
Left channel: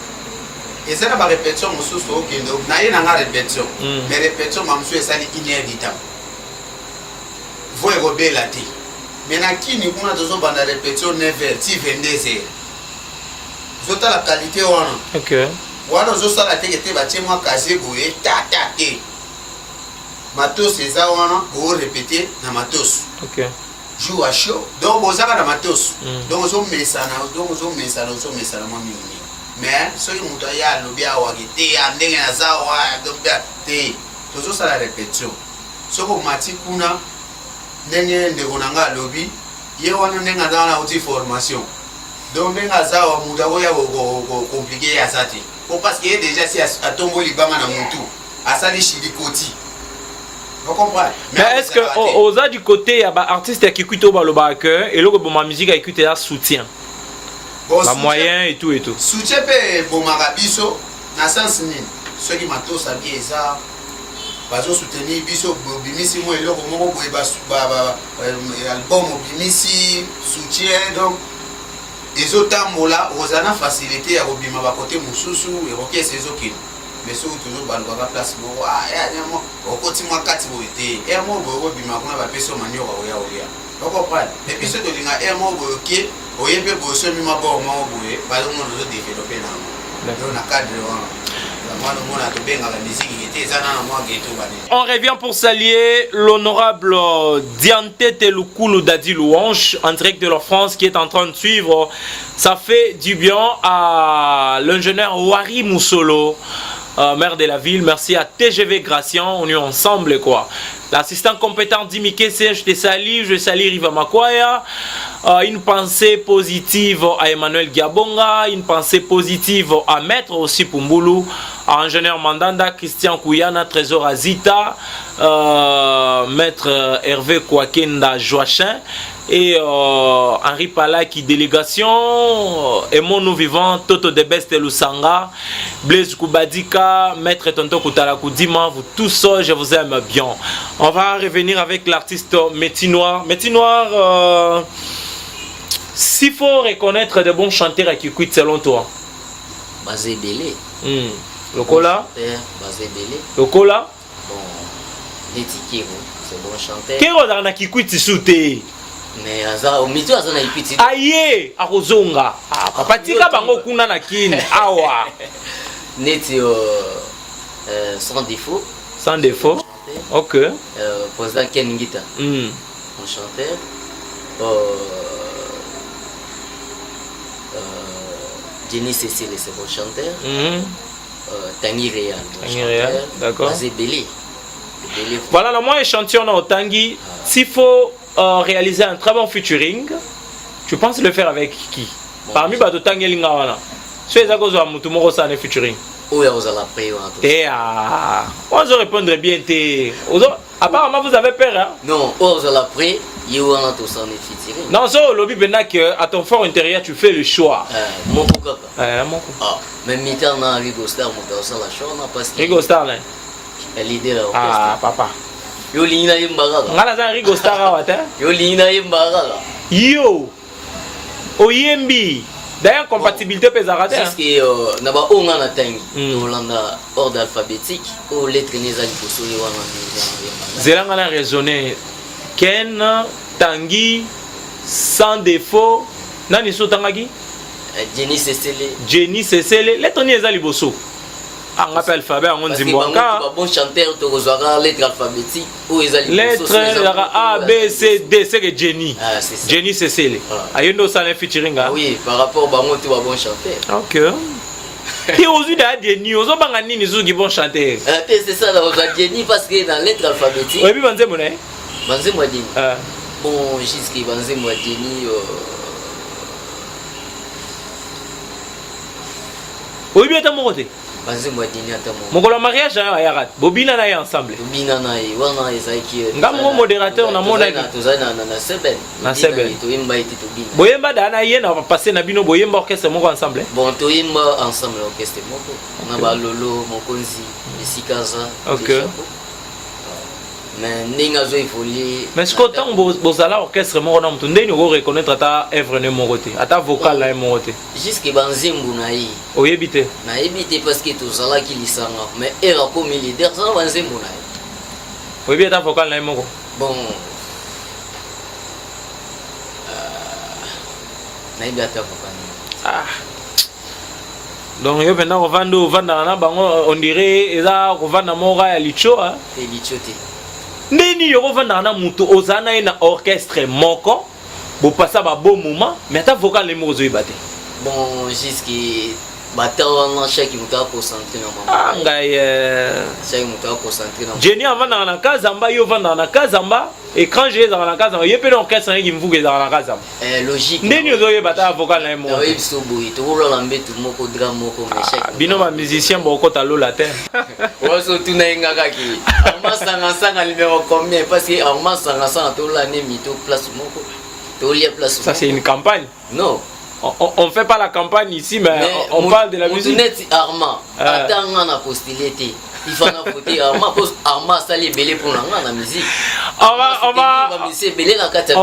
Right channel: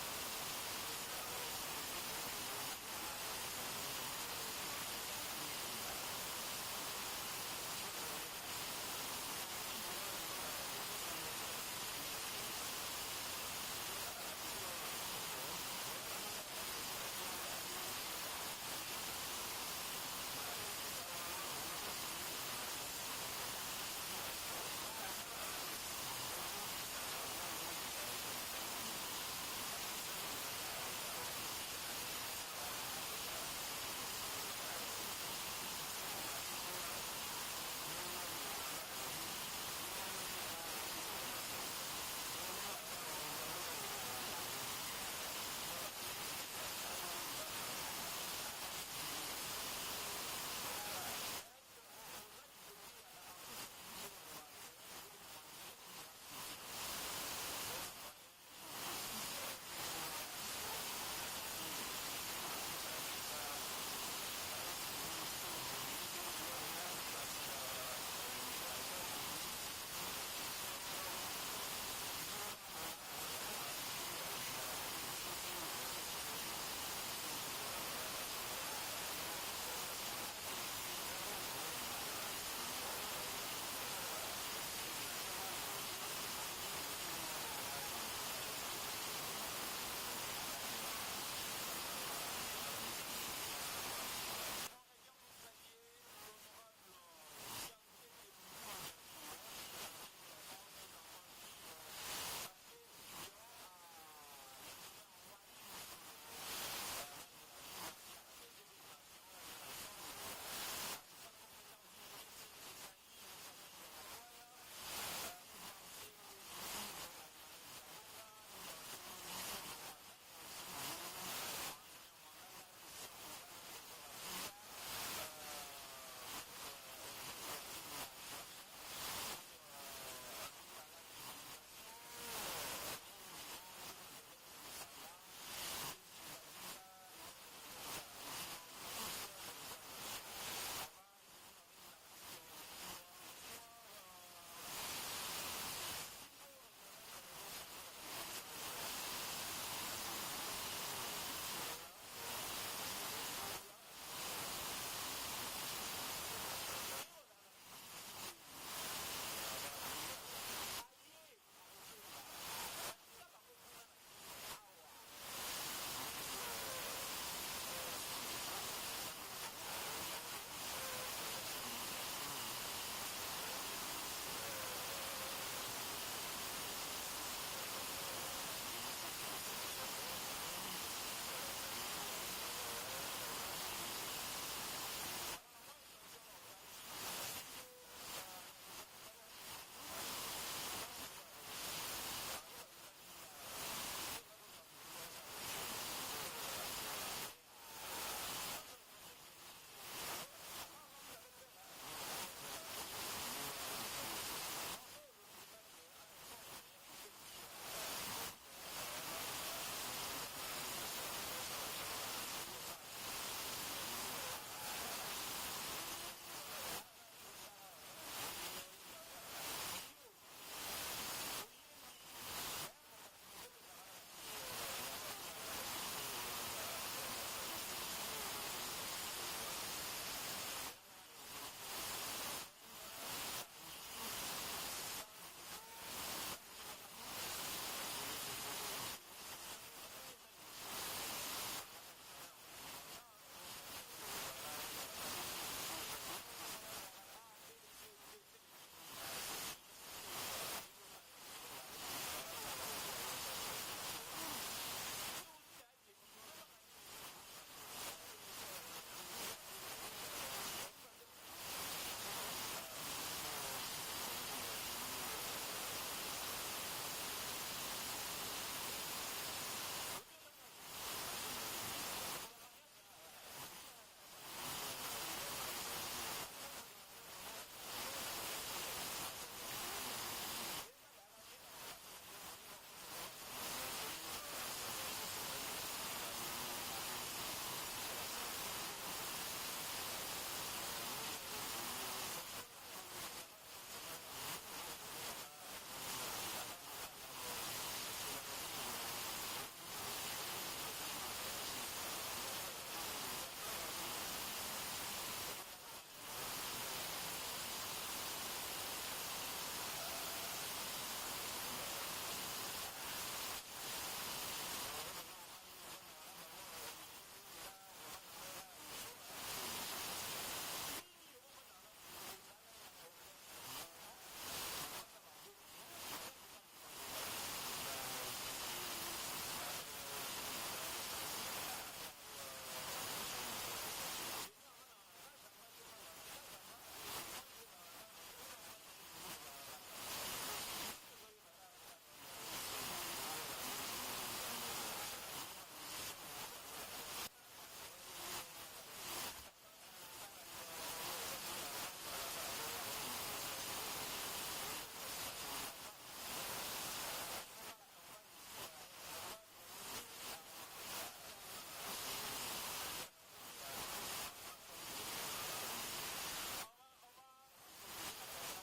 Et ça la répétition mususu okendo na ye na nga répétition. Mais répétition mamsu et ça ni inévitable. Vous rebelle la té. Mais na kini kuna tozo banda répétition 9h ti 22h. Zota la qualité wana. OK. Wana zosa la teke batie moi casier boye ta te. Matos eza wana go répéter na matos. OK. Joue à chaud. Donc bozaka na matos. Donc zo mesana moi mingi. Mais so yi muto ya lobi awa kete ya ndenge na zawa donc te. Tozo sala répétition. Soko mati kuna ndenge ndeko nanga lobi ye wana ndenge na uti formation. Donc ndenge zawa muto ya go compliqué ya sati. Parce qu'il est déjà si à tomber libama na mutu asali shilikoti. Vous comprenez? Mais est-ce que aux a du côté il y a des artistes qui écoutent au cœur et là que ma musique a écouté là soutien. Ba moyen et tout et tout. Soutien pe bon marabiso na sens ni. Ceux qui mato sabi eza bazo soutenir biso bimisi mo eloko moko boye ba album bimisi soutien donc les autres mola ozana facilité ya robima ba côté mususu et roké ces okino mais so toujours ba ba place mo ya nyamo okoti mwa kati boete e mo bo robima kuna ba peso manyo wa ya olia donc comprendre et puis ce de linga e mo bo ok oyebe bo so mi ma bo mo boye ba lo mo zo développer na donc na cadre on revient pour saluer l'honorable Diante Teloukounou Dadi Louange en direct de la France qui est en train de suivre. Ça fait du bien à l'ingénieur Wari Moussolo, maire de la ville. Merci à TGV Gratian, on est ensemble quoi. L'assistant compétent Dimike C, je te salue, je salue Riva Makwaya. Une pensée positive à Emmanuel Giabonga, une pensée positive à Maître aussi Pumbulu, à Ingénieur Mandanda, Christian Kouyana, Trésor Azita, Maître Hervé Kouakenda Joachin et Henri Palaki délégation, Aimons nous vivants, Toto de Beste Lusanga, Blaise Koubadika, Maître Tonto Koutala Koudima, vous tous, je vous aime bien. On va revenir avec l'artiste Métinoir. Métinoir, s'il faut reconnaître de bons chanteurs à Kikwit selon toi. Basé Belé. Le Kola. Basé Belé. Le Kola. Bon, Détikiro, c'est bon chanteur. Kero dans na Kikwit souté. Mais au milieu à zona Kikwit. Aïe, à Rozonga. Ah, papa tika bango kuna na kin. Awa. Neti sans défaut. Sans défaut. Ok. Président Ken Ngita. Bon chanteur. Jenny Cécile, c'est bon chanteur. Tanguy Réal, bon chanteur. D'accord. Basé Belé. Voilà, le moins échantillon au Tanguy. S'il faut réaliser un très bon featuring, tu penses le faire avec qui? Parmi les Tanguy Lingawana. Si les agos ont tout le monde featuring. Oui, vous allez après. On va répondre bien. Apparemment, vous avez peur. Hein? Non, vous allez après. Non, ça, lobby à ton fort intérieur, tu fais le choix. Mon coup. Mais Mitter n'a Rigo Star, mon ça la chance parce que Rigo Star, l'idée ah, papa. Yo lina yimbaga. Ngala Rigo Star wata. Yo lina yimbaga. Yo. Oyembi. D'ailleurs, compatibilité pesarate. Parce que naba onga na tangi. Olanda ordre alphabétique ou lettre nezali posoli wana. Zelanga na raisonner. Ken Tanguy sans défaut. Nani so tangaki? Jenny Cécile. Jenny Cécile. Lettre ni ezali boso. On appelle l'alphabet en Nzimwanga. Bon chanteur, tu reçois lettre alphabétique ou les lettre A, B, C, D, c'est que Jenny. Ah, c'est ça. Jenny Cécile. Ayondo ça un featuring. Oui, par rapport à moi, tu vas bon chanteur. Ok. Et aujourd'hui, il y a Jenny. Aux autres, il y a qui vont chanter. C'est ça, là, on a Jenny parce que dans lettre alphabétique. Oui, puis Banzé Moné. Banzé Moadini. Bon, jusqu'à Banzé Moadini. Oui, bien, t'as mon côté. Banzé Moadini, attends moi. Mon collègue mariage, Ayarat. Bobina na ensemble. Bobina na wana ezaki. Nga mon modérateur na mona. Tozana na Seben. Na Seben. Toyemba iti tobina. Boyemba dana ye na passer na bino boyemba orchestre moko ensemble. Bon, toyemba ensemble orchestre moko. Na ba Lolo, Mokonzi, Isikaza. OK. Mais ninga zo ifoli. Mais ce qu'autant bozala orchestre moko na mtunde ni go reconnaître ata œuvre ne mon côté, ata vocal na mon côté. Jusque banzembu na yi. Oyebite. Na ebite parce que tozala ki lisanga, mais era comme leader ça banzembu na yi. Oyebi ata vocal na moko. Bon. Na ibi ata vocal. Ah. Donc yo pendant vanda na bango on dirait eza kovanda mora ya licho hein. Et lichote. Ndeni yo vanda na mutu ozana na orchestre moko bo passa ba bon moment mais ata vocal na moko zo ibate. Bon jusque batawana chaque mutu a concentré na mama. Ah ngai chaque mutu a concentré na. Jenny avanda na kazamba yo vanda na kazamba et quand j'ai dans na kazamba yepe l'orchestre qui me vuge dans na kazamba. Logique. Ndeni yo yo bata vocal na moko. Oui so boy to rola lambetu moko drame moko mais chaque. Bino ba musicien boko talo la terre. Oso tuna inga kaki. Arma sanga numéro combien parce que arma sanga to la ne mito place moko. To lia place. Ça c'est une campagne. Non. On fait pas la campagne ici, mais on parle de la musique. Arma, attends, on a postulé. Il faut voter Arma, Arma, ça les belé pour la musique. On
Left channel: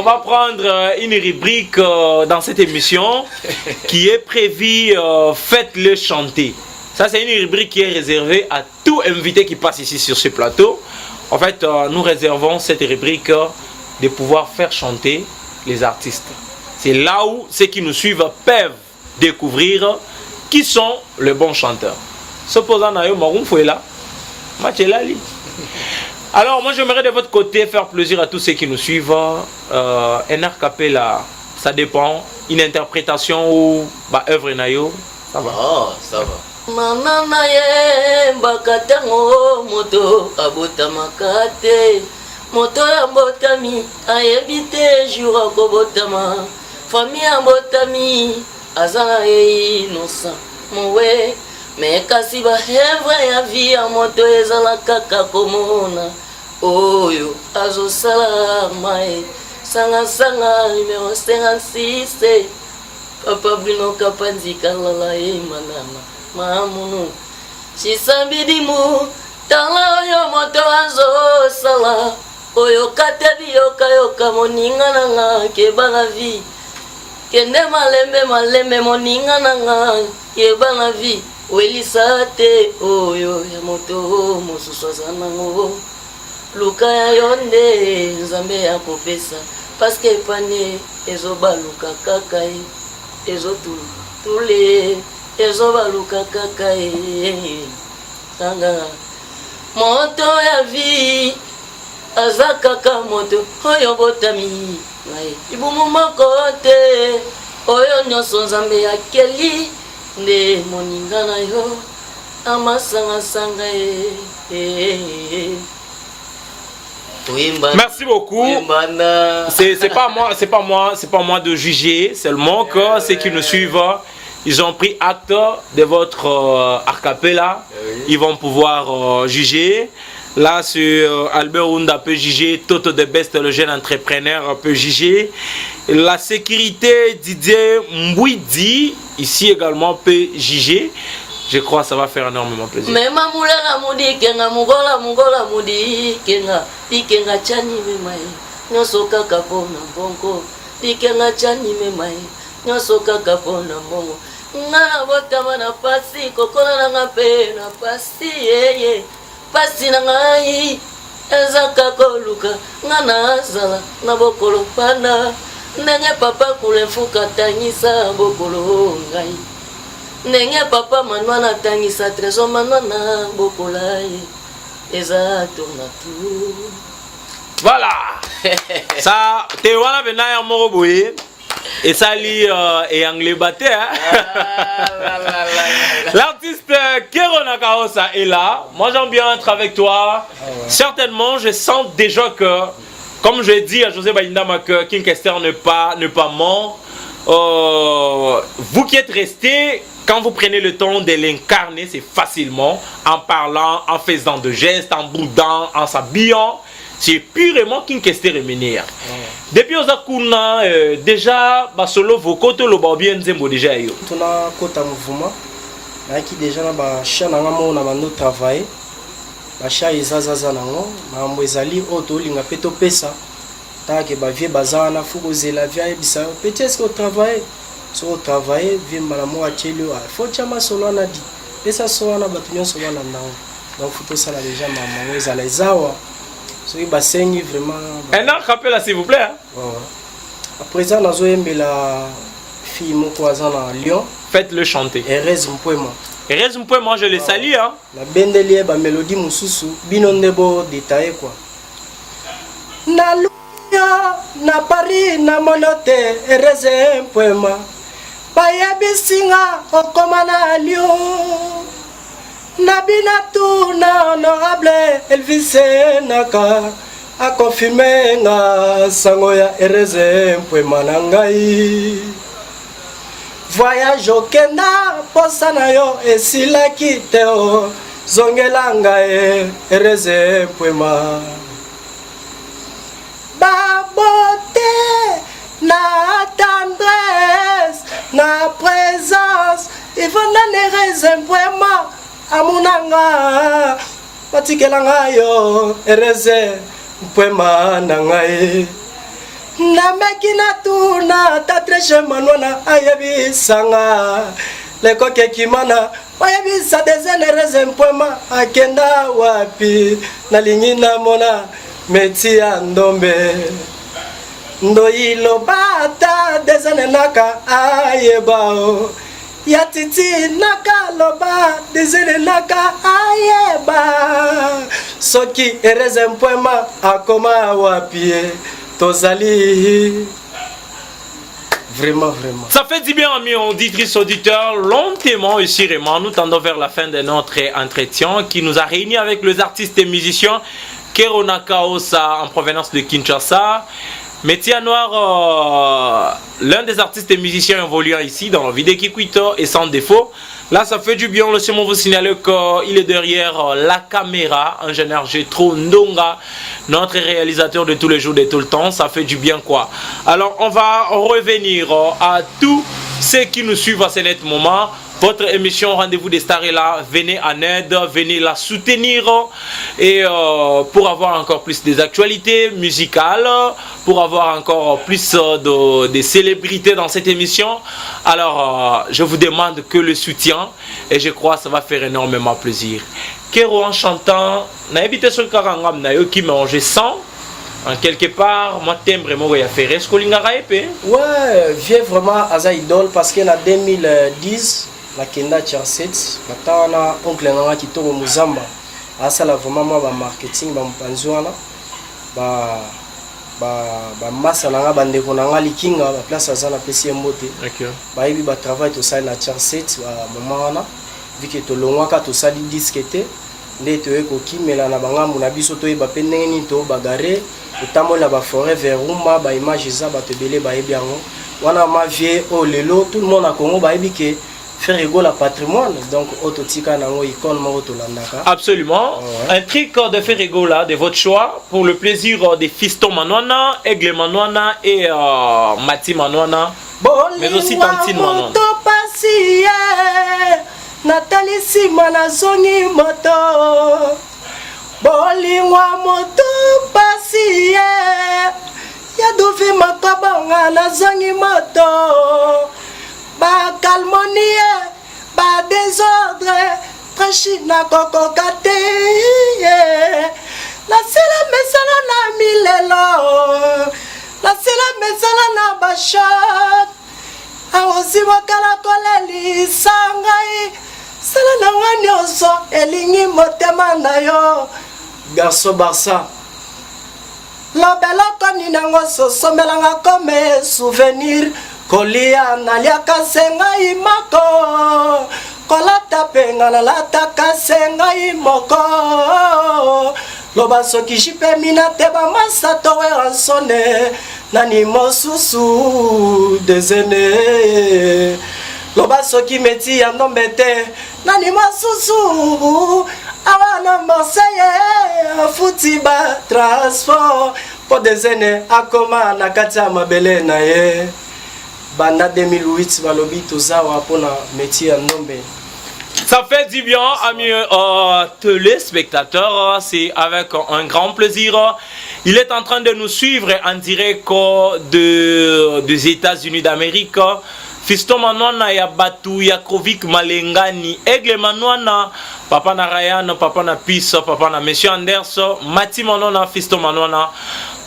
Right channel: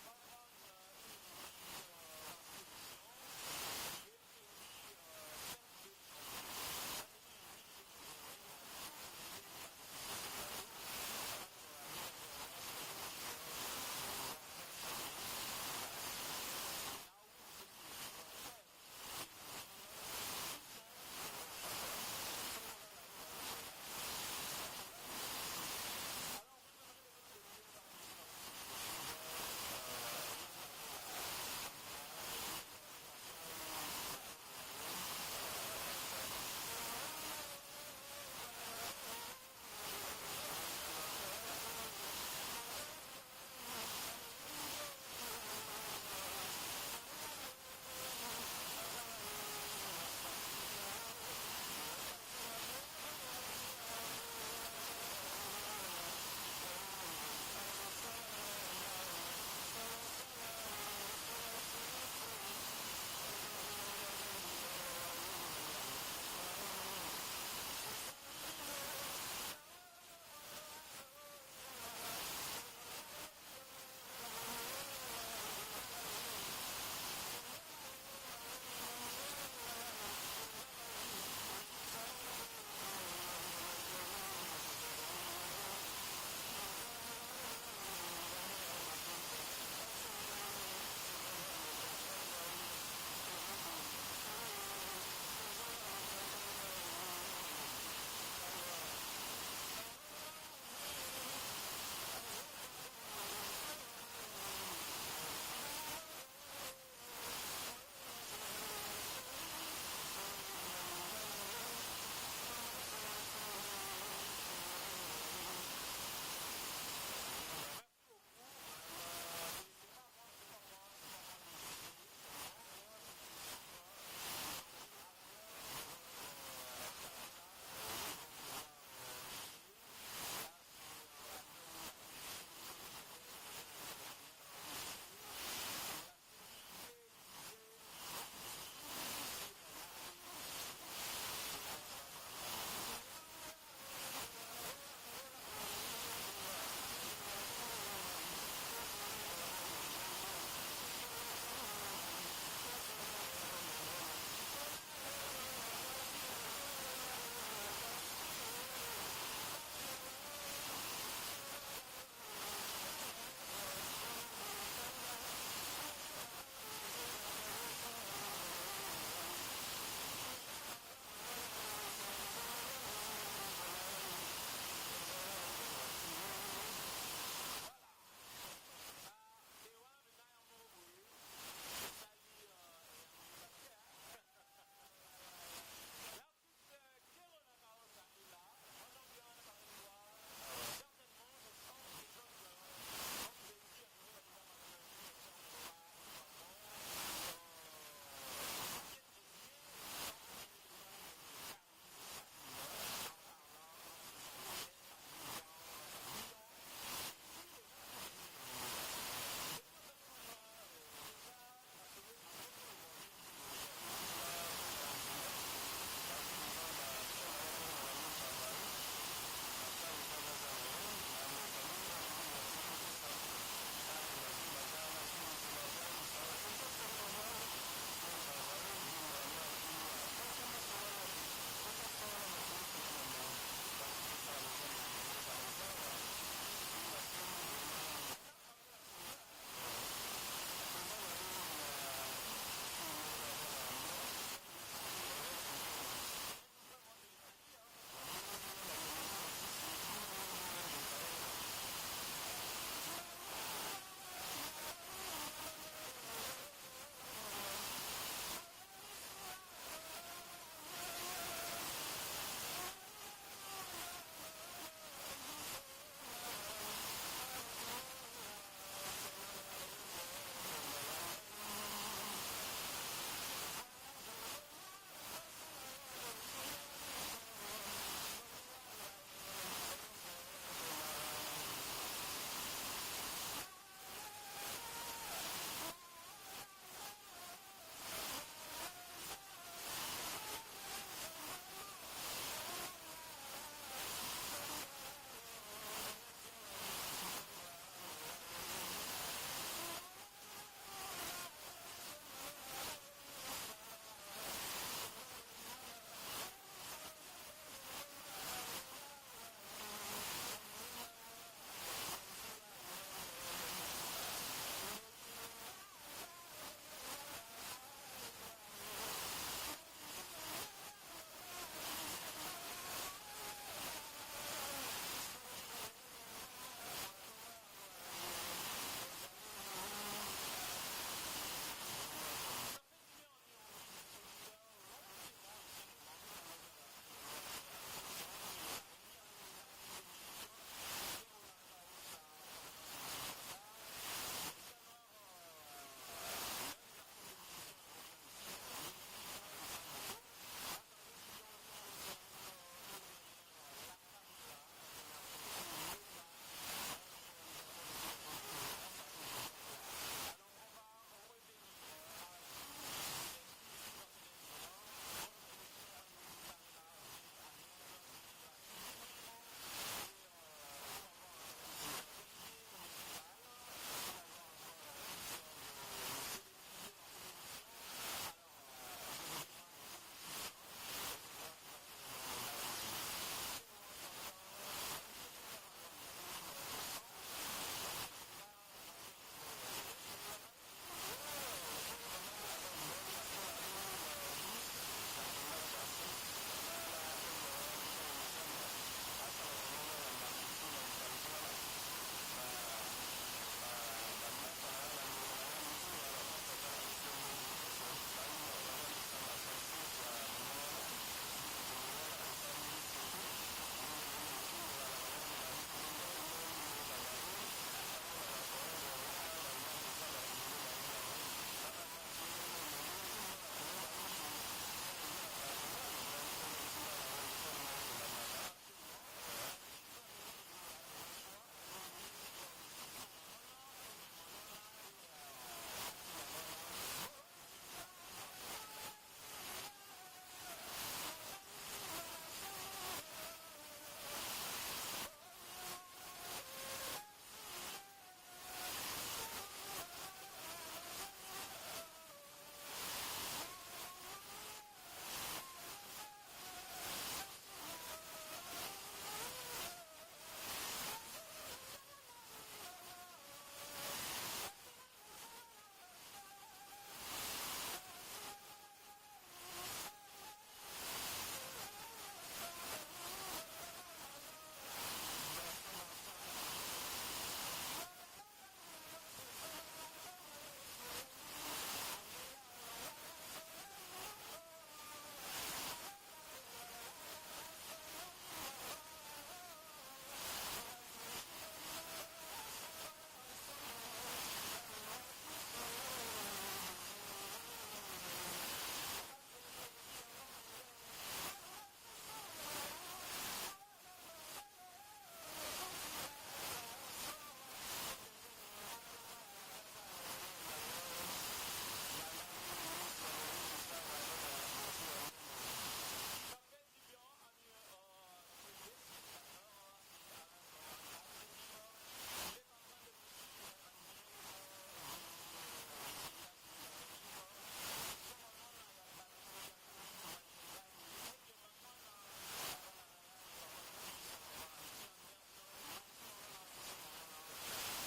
va prendre une rubrique dans cette émission qui est prévue Faites-le chanter. Ça, c'est une rubrique qui est réservée à tout invité qui passe ici sur ce plateau. En fait, nous réservons cette rubrique de pouvoir faire chanter les artistes. C'est là où ceux qui nous suivent peuvent découvrir qui sont les bons chanteurs. Supposons que là. Alors, moi, j'aimerais de votre côté faire plaisir à tous ceux qui nous suivent. Un a cappella, ça dépend. Une interprétation ou œuvre nayo, ça va. Oh, ça va. Manana ye mbakatango moto abota makate moto ya mbotami ayebite jour akobotama famille ya mbotami azala innocent mowe me kasi bahevre ya vie ya moto ezala kaka komona oyo azosala mae sanga numéro 56 papa Bruno Kapanzika lala manama mamunu chisambidimu tala oyo moto azosala oyo katebi yoka moninga nanga kebanga vi kende malembe moninga nanga kebanga vi welisa te oyo ya moto mosusu aza nango luka ya yo nde nzambe ya kopesa paske epane ezobaluka kaka ezotule ezobaluka kaka sanga moto ya vi aza kaka moto oyo botami ibumu moko te oyo nyonso nzambe akeli nde moninga na yo amasangasanga Merci beaucoup. C'est pas moi de juger, seulement que ceux qui nous suivent, ils ont pris acte de votre arcapella. Ils vont pouvoir juger. Là, Albert Ounda peut juger, Toto de Best, le jeune entrepreneur, peut juger. La sécurité, Didier Mbouidi, ici également, peut juger. Je crois que ça va faire énormément plaisir. Mais mamula mudi kenga mugola mudi kenga pikenga chani memai nyoso kaka pona bongo pikenga chani memai nyoso kaka pona bongo ngana botama na pasi kokola na pe na pasi yeye pasi na ngai ezaka koluka ngana zala na bokolo pana ndenge papa kulefuka tangisa bokolo ngai ndenge papa manwana atangisa trésor manwana bokola ye eza tourna tour. Voilà. Ça, t'es voilà maintenant moko boye. Et ça lit et anglais batté. L'artiste Kero Nakaosa est là. Moi j'aime bien être avec toi. Certainement, je sens déjà que, comme je dis à José Baindama, que King Kester n'est pas mort. Vous qui êtes resté, quand vous prenez le temps de l'incarner, c'est facilement en parlant, en faisant de gestes, en boudant, en s'habillant. C'est purement King Kester Remenir. Depuis Ozakuna, déjà, solo voko to lo ba bien nzembo déjà yo. Tuna kota mouvement. Na ki déjà na ba cha na ngamo na mando travailler. Ba cha izazaza nango, na mbo ezali oto linga peto pesa. Ta ke ba vie bazana fuko zela via bisa. Peut-être que travailler, so travailler vie mala mo achelo. Faut chama solo na di. Pesa so na batunyo so na nango. Donc faut que ça là déjà maman ezala ezawa. So il bassengi vraiment. Un an rappel s'il vous plaît. Hein? À présent, nous avons la fille mon cousin à Lyon. Faites-le chanter. Erez Mpouema. Erez Mpouema, je le salue. Hein? La bendelie ba mélodie mususu binondebo détaillé quoi. Na Luya, na Paris, na Monote, Erez Mpouema. Bayebi singa okomana Lyon. Nabinatu na honorable Elvis Naka a confirmé nga sango ya Ereze Mpouema na ngai. Voyage okenda posa na yo esilaki te o zongela ngai Ereze Mpouema. Babote na tendresse na présence Ivona Ereze Mpouema amunanga patikelanga yo Ereze Mpouema na ngai na mekina tuna tatreche manwana ayebisanga lekoke kimana ayebisa dezene Ereze Mpouema akenda wapi nalingi namona meti ya ndombe ndoyilo bata dezene naka ayebao ya titi naka loba dezene naka ayeba soki Ereze Mpouema akoma wapi tozali vraiment. Ça fait du bien amis auditrices auditeurs, lentement et sûrement nous tendons vers la fin de notre entretien qui nous a réunis avec les artistes et musiciens Kero Nakaosa en provenance de Kinshasa. Métier Noir, l'un des artistes et musiciens évoluant ici dans la vie de Kikwito et sans défaut. Là, ça fait du bien. Laissez-moi vous signaler qu'il est derrière la caméra. Ingénieur Gétro Ndonga, notre réalisateur de tous les jours, de tout le temps. Ça fait du bien quoi. Alors, on va revenir à tous ceux qui nous suivent à ce net moment. Votre émission Rendez-vous des Stars est là. Venez en aide, venez la soutenir. Et pour avoir encore plus des actualités musicales, pour avoir encore plus de célébrités dans cette émission, alors je vous demande que le soutien. Et je crois que ça va faire énormément plaisir. Kero en chantant, n'a évité ce karangam na yo qui mange sans. En quelque part, moi timbre moi ya faire est-ce que l'ingara épée? Ouais, vieux vraiment Aza idole parce que en 2010 la kenda Charset, maintenant oncle nanga kitoko Muzamba. Asa la vraiment moi ba marketing ba mpanzwana ba massa nanga bandeko nanga likinga ba place azana pesi mbote. OK. Ba yebi ba travail to ça na Charset ba mama wana vu que to longwaka to sali disquete nde to ekoki mela na bangambu na biso to yeba pe ndenge nini to bagare utamola ba forêt vers Rumba ba image za ba tebele ba yebi yango wana ma vie o lelo tout le monde a Congo ba yebi ke faire égaux la patrimoine donc autotika nango icône mo to landaka. Absolument. Un truc de faire égaux là de votre choix pour le plaisir des Fiston Manwana, Aigle Manwana et Mati Manwana. Mais aussi Tantine Manwana. Nathalie Simana zongi moto bolingwa moto pasi ya dovi makabanga na zongi moto ba calmonie ba désordre prachina koko kate la sela mesala na milelo la sela mesala na bachat aosi mokala kolelisa ngai sala na ngai nyonso elingi motema na yo garçon Barça lobeloko ninango sosomelanga comme souvenir kolia naliaka se ngai mako kolata pe nga nalataka se ngai moko loba soki jipe mina te bamasato we ansone nani mosusu dezene loba soki meti ya ndombe te nani mosusu awa na Marseille futi ba transport po dezene akoma na kati ya mabele na ye banda 2008 balobi tozawa pona meti ya ndombe. Ça fait du bien, amis téléspectateurs. C'est avec un grand plaisir. Il est en train de nous suivre en direct des États-Unis d'Amérique. Fiston Manwana ya Batu ya Krovik Malengani Aigle Manwana Papa na Ryan, Papa na Peace, Papa na Monsieur Anders, Mati Manwana, Fiston Manwana.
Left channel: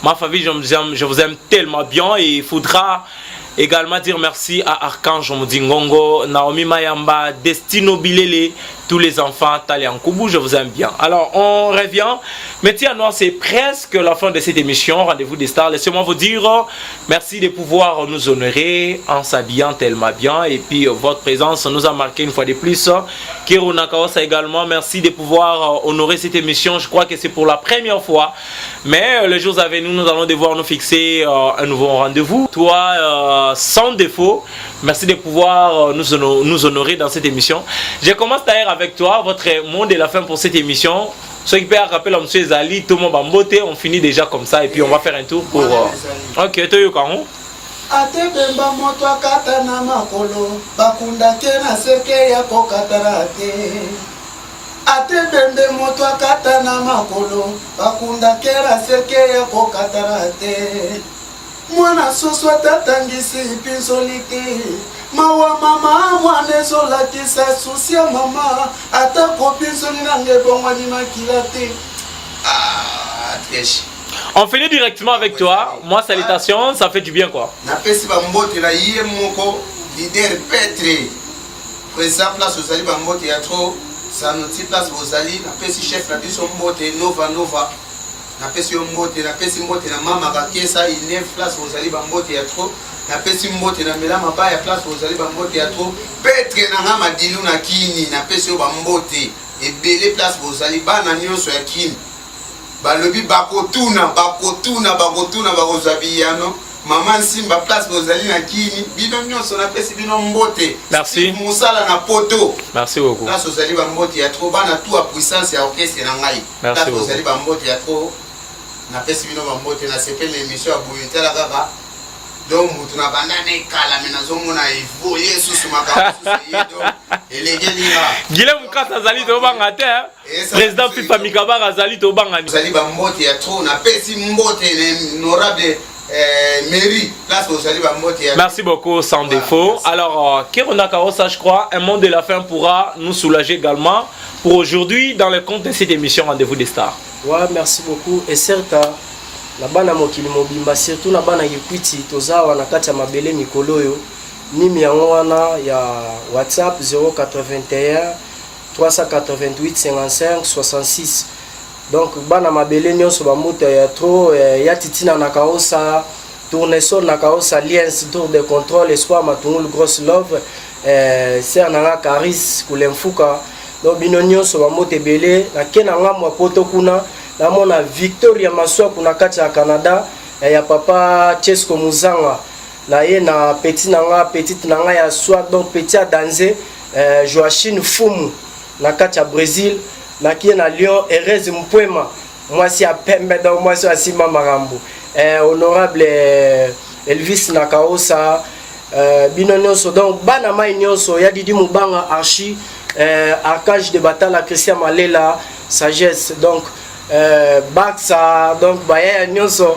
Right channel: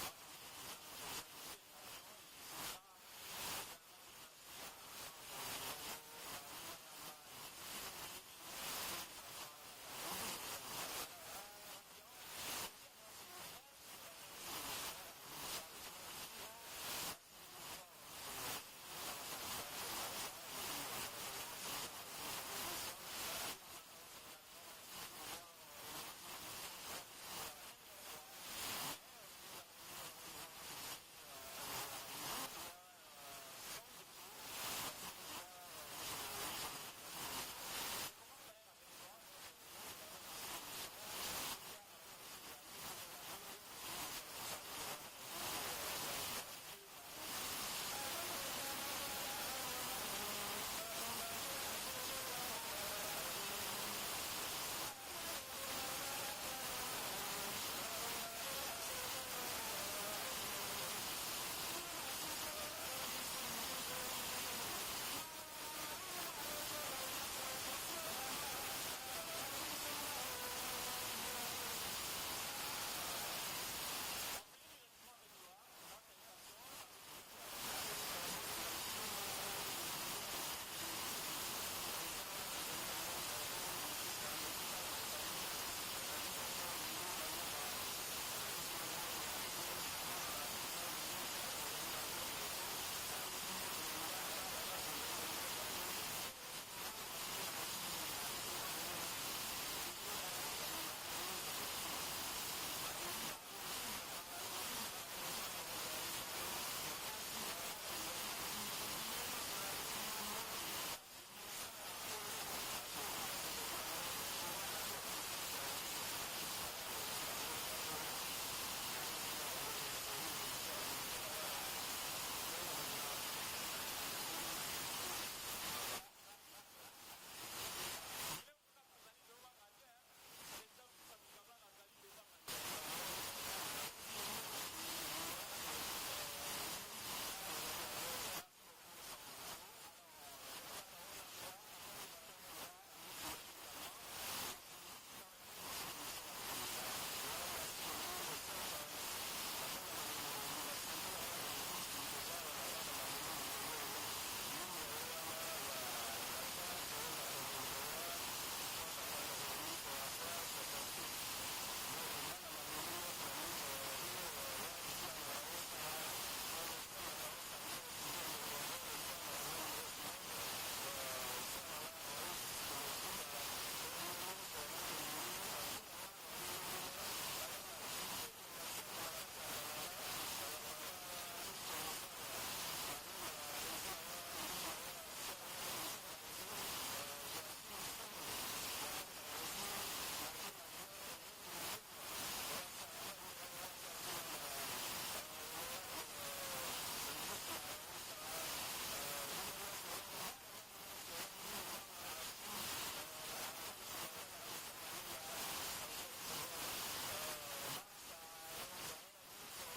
Ma famille, je vous aime tellement bien et il faudra également dire merci à Archange Mudingongo, Naomi Mayamba, Destino Bilele, tous les enfants, Talian Koubou, je vous aime bien. Alors, on revient. Maintenant, c'est presque la fin de cette émission, Rendez-vous des Stars. Laissez-moi vous dire merci de pouvoir nous honorer en s'habillant tellement bien. Et puis, votre présence nous a marqué une fois de plus. Kero Nakaosa également, merci de pouvoir honorer cette émission. Je crois que c'est pour la première fois. Mais les jours à venir, nous allons devoir nous fixer un nouveau rendez-vous. Toi, sans défaut, merci de pouvoir nous honorer dans cette émission. Je commence d'ailleurs avec toi, votre mot de la fin pour cette émission. Ceux qui peuvent rappeler à M. Zali, tout le monde va beauté, on finit déjà comme ça et puis on va faire un tour pour... Ok, tu es quand Atebemba moto akata na makolo bakunda kena seke ya kokatarate Atebembe moto akata na makolo bakunda kera seke ya kokatarate Mwana soso tatangisi pinsolite Mawa mama mwane sola kisa susia mama Atako pinsoli nange bongwani makilate Teshi On finit directement avec toi. Moi, salutations, ça fait du bien quoi. Napesi bambote la yie moko leader Petre. Président place Ozali bambote ya trop. Sanoti place Ozali. Napesi chef na biso mbote Nova. Napesi mbote, napesi mbote na mama Kakesa ine place Ozali bambote ya trop. Napesi mbote na mela mabaya place Ozali bambote ya trop. Petre na ngama dilu na kini. Napesi bambote. Ebele place Ozali bana nyonso ya kini. Balobi bakotuna bakozabiyano Maman Simba place Bozali na kini bino nyonso na pesi bino mbote. Merci. Musala na poto. Merci beaucoup. Place Bozali ba mbote ya trop bana tout à puissance ya orchestre na ngai. Merci beaucoup. Bozali ba mbote ya trop. Na pesi bino ba mbote na sepele émission ya Bouyutela kaka. Donc mutu na bandane kala mena zomona evoye susu makamusu yedo. Elegelinga. Guilhem Kata Zali to bangate. Président FIFA Mikabara Zali to bangani. Zali ba mbote ya trop na pesi mbote honorable mairie place Zali ba mbote ya. Merci beaucoup sans défaut. Alors Kirona Kaosa, je crois un mot de la fin pourra nous soulager également pour aujourd'hui dans le compte de cette émission Rendez-vous des Stars. Ouais, merci beaucoup et certes na bana mokili mobimba surtout na bana Kikwiti tozawa na kati ya mabele mikolo yo nimi yango wana ya WhatsApp 081 388 55 66. Donc bana mabele nyonso bamuta ya trop ya titina na kaosa tournesol na kaosa alliance tour de contrôle espoir matungulu grosse love ser nanga Caris kulemfuka donc bino nyonso bamuta ebele na kena ngamwa poto kuna na mona Victoria Maswa kuna kati ya Canada ya papa Chesco Muzanga na ye na petite nanga ya soir donc petit à danser Joachim Fumu na kati ya Brésil na kie na Lyon Erez Mpwema mwasi ya pembe donc mwasi ya Sima Marambo honorable Elvis Nakaosa bino nyonso donc bana mai nyonso ya Didi Mubanga Archi Arcage de Batala Christian Malela Sagesse donc Baxa donc baya nyonso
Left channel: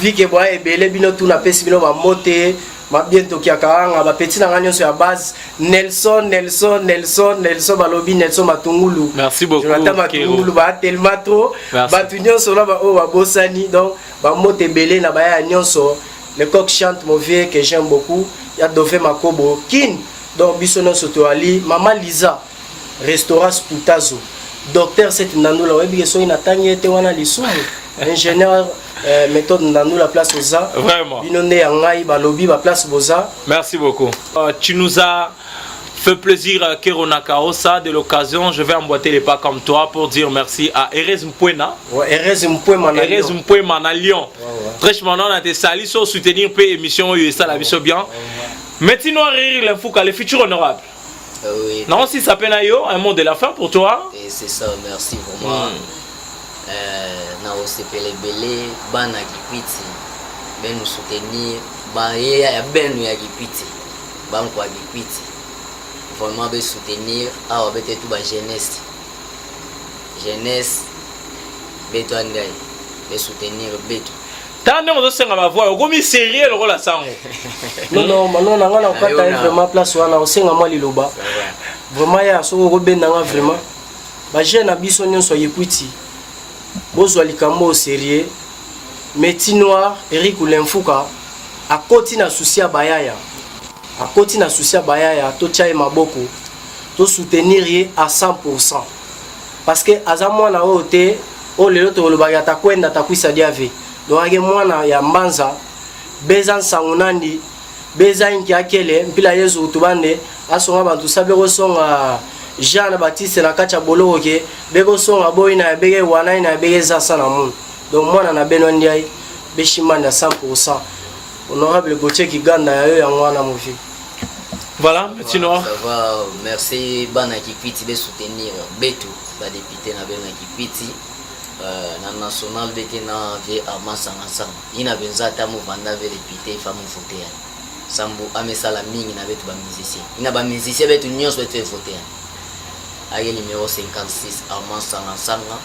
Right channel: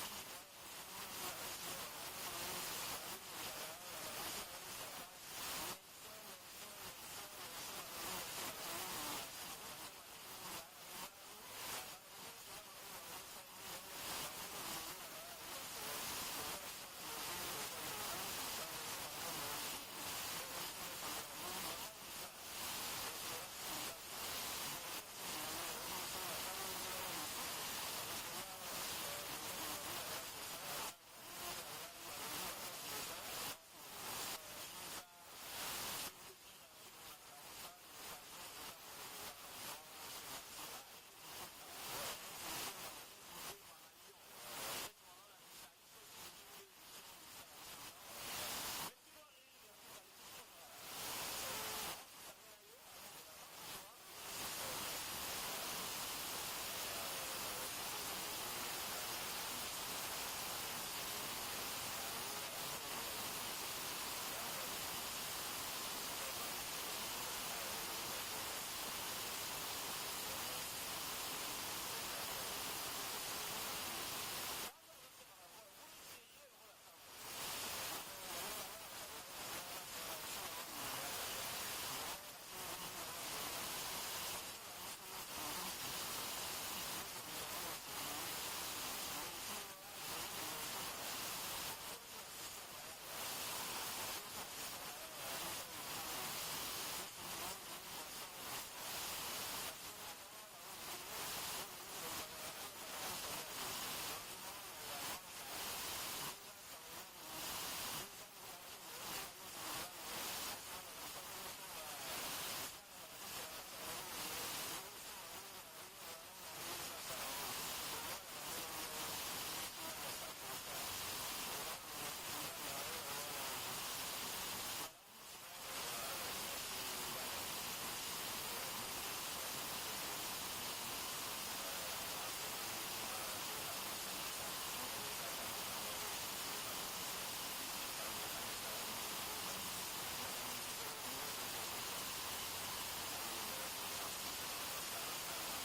vike boya ebele bino tuna pesi bino ba mote ma bientôt kia karanga ba petit na nyonso ya base Nelson balobi Nelson Matungulu. Merci beaucoup. Jonathan Matungulu ba tellement trop ba nyonso la ba o ba bosani donc ba mote ebele na baya nyonso le coq chante mauvais que j'aime beaucoup ya Dove Makobo kin donc biso nyonso toali Mama Lisa restaurant Sputazo docteur Seth Ndandula webi so ina tangi ete wana lisumu ingénieur méthode Ndandula place Oza vraiment binonde ya ngai balobi ba place Boza. Merci beaucoup. Tu nous as fait plaisir, Kerona Kaosa, de l'occasion. Je vais emboîter les pas comme toi pour dire merci à Erez Mpwena. Erez Mpwema à Lyon. Très maintenant, on a été salis sur soutenir peu émission et ça la vie bien. Maintenant, rire l'info le futur honorable. Oui. Non, si ça peine un mot de la fin pour toi. Et c'est ça, merci vraiment. Na osepele belé bana kipiti ben nous soutenir ba ya benu ya kipiti ba kwa kipiti vraiment be soutenir a obete tout ba jeunesse beto andai be soutenir beto tande mo senga ba voix okomi sérieux le rôle sango non na ngana okata vraiment place wana osenga mwa liloba vraiment ya so ko benda nga vraiment ba jeune na biso nyonso yekuti bozwa likambo au sérieux Métis Noir Eric Ulemfuka akoti na souci ya bayaya to tchaye maboko to soutenir ye à 100% parce que aza mwana ote o lelo to lobaka ta kwenda ta kwisa diave donc age mwana ya mbanza beza nsangunandi beza inki akele mpila yezu utubande asonga bantu sabe ko songa Jean Baptiste na kacha boloke beko songa boy na bege wana na bege za sana mun donc mwana na beno ndiai beshimanda 100% honorable Gauthier Kiganda ya yo ya mwana mofi. Voilà, Métis-Noir. Ça va, merci bana kipiti be soutenir betu ba député na bena kipiti na national beke na ve amasanga sama ina benza ta movanda ve député femme voter sambu amesala mingi na betu ba musicien ina ba musicien betu nyonso betu voter aye numéro 56 Armand Sanga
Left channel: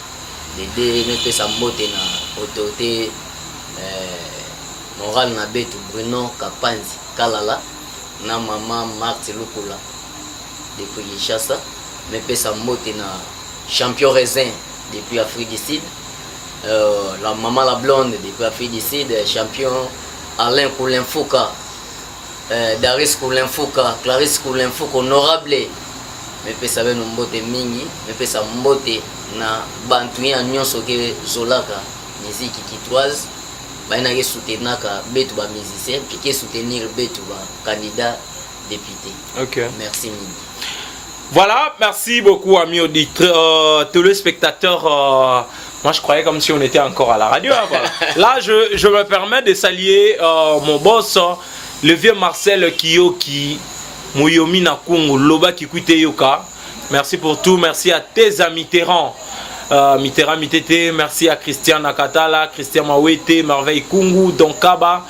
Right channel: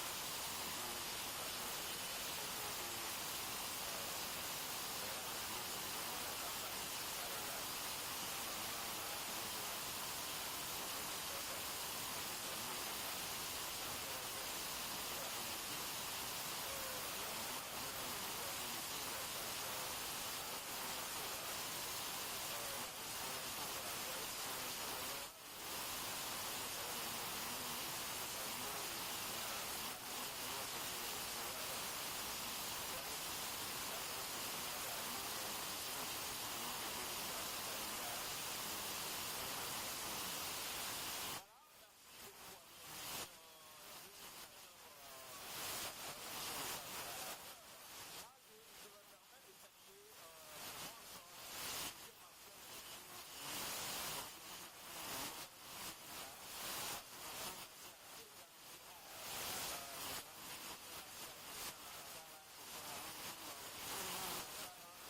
les deux ne pesa mbote na autorité moral na betu Bruno Kapanzi Kalala na maman Marthe Lukula depuis Kinshasa me pesa mbote na champion raisin depuis Afrique du Sud la maman la blonde depuis Afrique du Sud champion Alain Koulenfouka Daris Koulenfouka Clarisse Koulenfouka honorable me pesa beno mbote mingi me pesa mbote na bantu ya nyonso ke zolaka musique kitoise baina ke soutenaka betu ba musicien puis ke soutenir betu ba candidat député. OK. Merci mingi. Voilà, merci beaucoup amis auditeurs, téléspectateurs. Moi je croyais comme si on était encore à la radio. Hein, voilà. Là je me permets de saluer mon boss, le vieux Marcel Kiyoki. Moyomi na Kungu Loba Kikuite Yoka. Merci pour tout, merci à tes amis Mitterrand. Mitterrand Mitete, merci à Christian Nakatala, Christian Mawete, Merveille Kungu, Donkaba.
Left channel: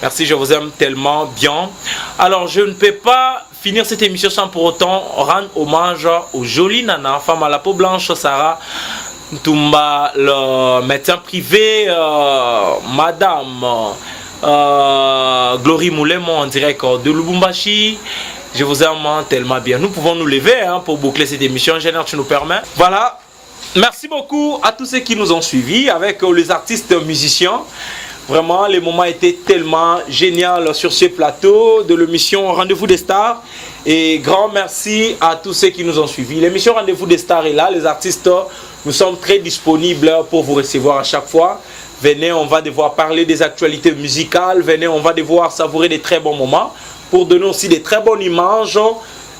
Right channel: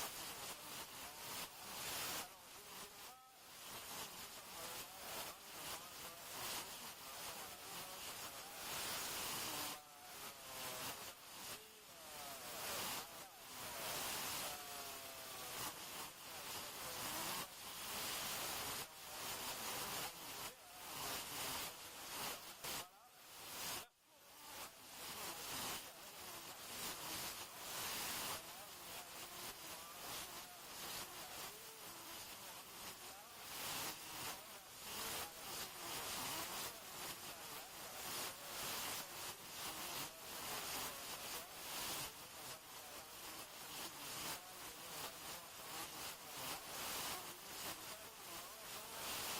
Merci, je vous aime tellement bien. Alors, je ne peux pas finir cette émission sans pour autant rendre hommage aux jolies nanas, femme à la peau blanche, Sarah Ntumba, le médecin privé, Madame Glory Moulemo en direct de Lubumbashi. Je vous aime tellement bien. Nous pouvons nous lever hein, pour boucler cette émission. Général, tu nous permets. Voilà. Merci beaucoup à tous ceux qui nous ont suivis avec les artistes musiciens. Vraiment, les moments étaient tellement géniaux sur ce plateau de l'émission Rendez-vous des Stars. Et grand merci à tous ceux qui nous ont suivis. L'émission Rendez-vous des Stars est là. Les artistes, nous sommes très disponibles pour vous recevoir à chaque fois. Venez, on va devoir parler des actualités musicales. Venez, on va devoir savourer des très bons moments. Pour donner aussi des très bonnes images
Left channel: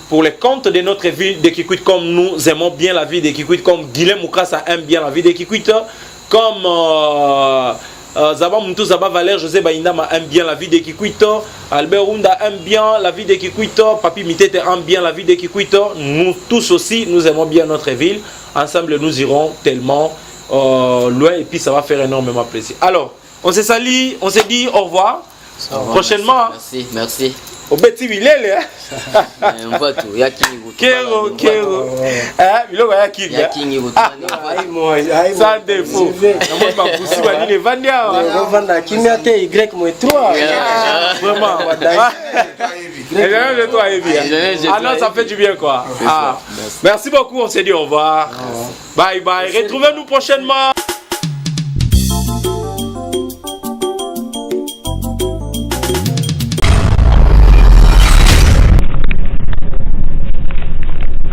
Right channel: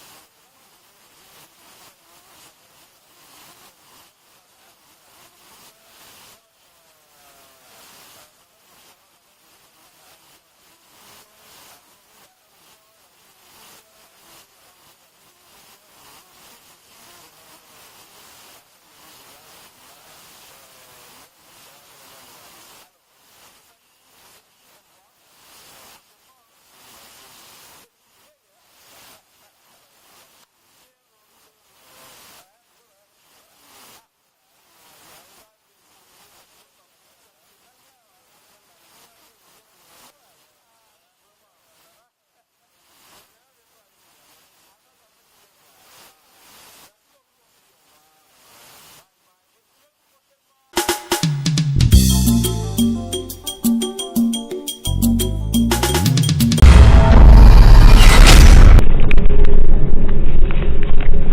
pour les comptes de notre ville de Kikwit, comme nous aimons bien la vie de Kikwit, comme Guilhem Moukassa aime bien la vie de Kikwit, comme Zaba Moutou, Zaba Valère, José Baindama aime bien la vie de Kikwit, Albert Runda aime bien la vie de Kikwit, Papi Mitete aime bien la vie de Kikwit. Nous tous aussi, nous aimons bien notre ville. Ensemble, nous irons tellement loin et puis ça va faire énormément plaisir. Alors, on s'est sali, on s'est dit au revoir. Prochainement. Merci, merci. Au petit Vilele. On voit tout. Kero. Bilo ya kingi. Ya kingi Sans défaut. Moi ma poussi ba ni vandia. On vend kimia te Y -3. Vraiment. Et toi bien. Ah non, ça fait du bien quoi. Merci beaucoup, on s'est dit au revoir. Bye bye. Retrouvez-nous prochainement.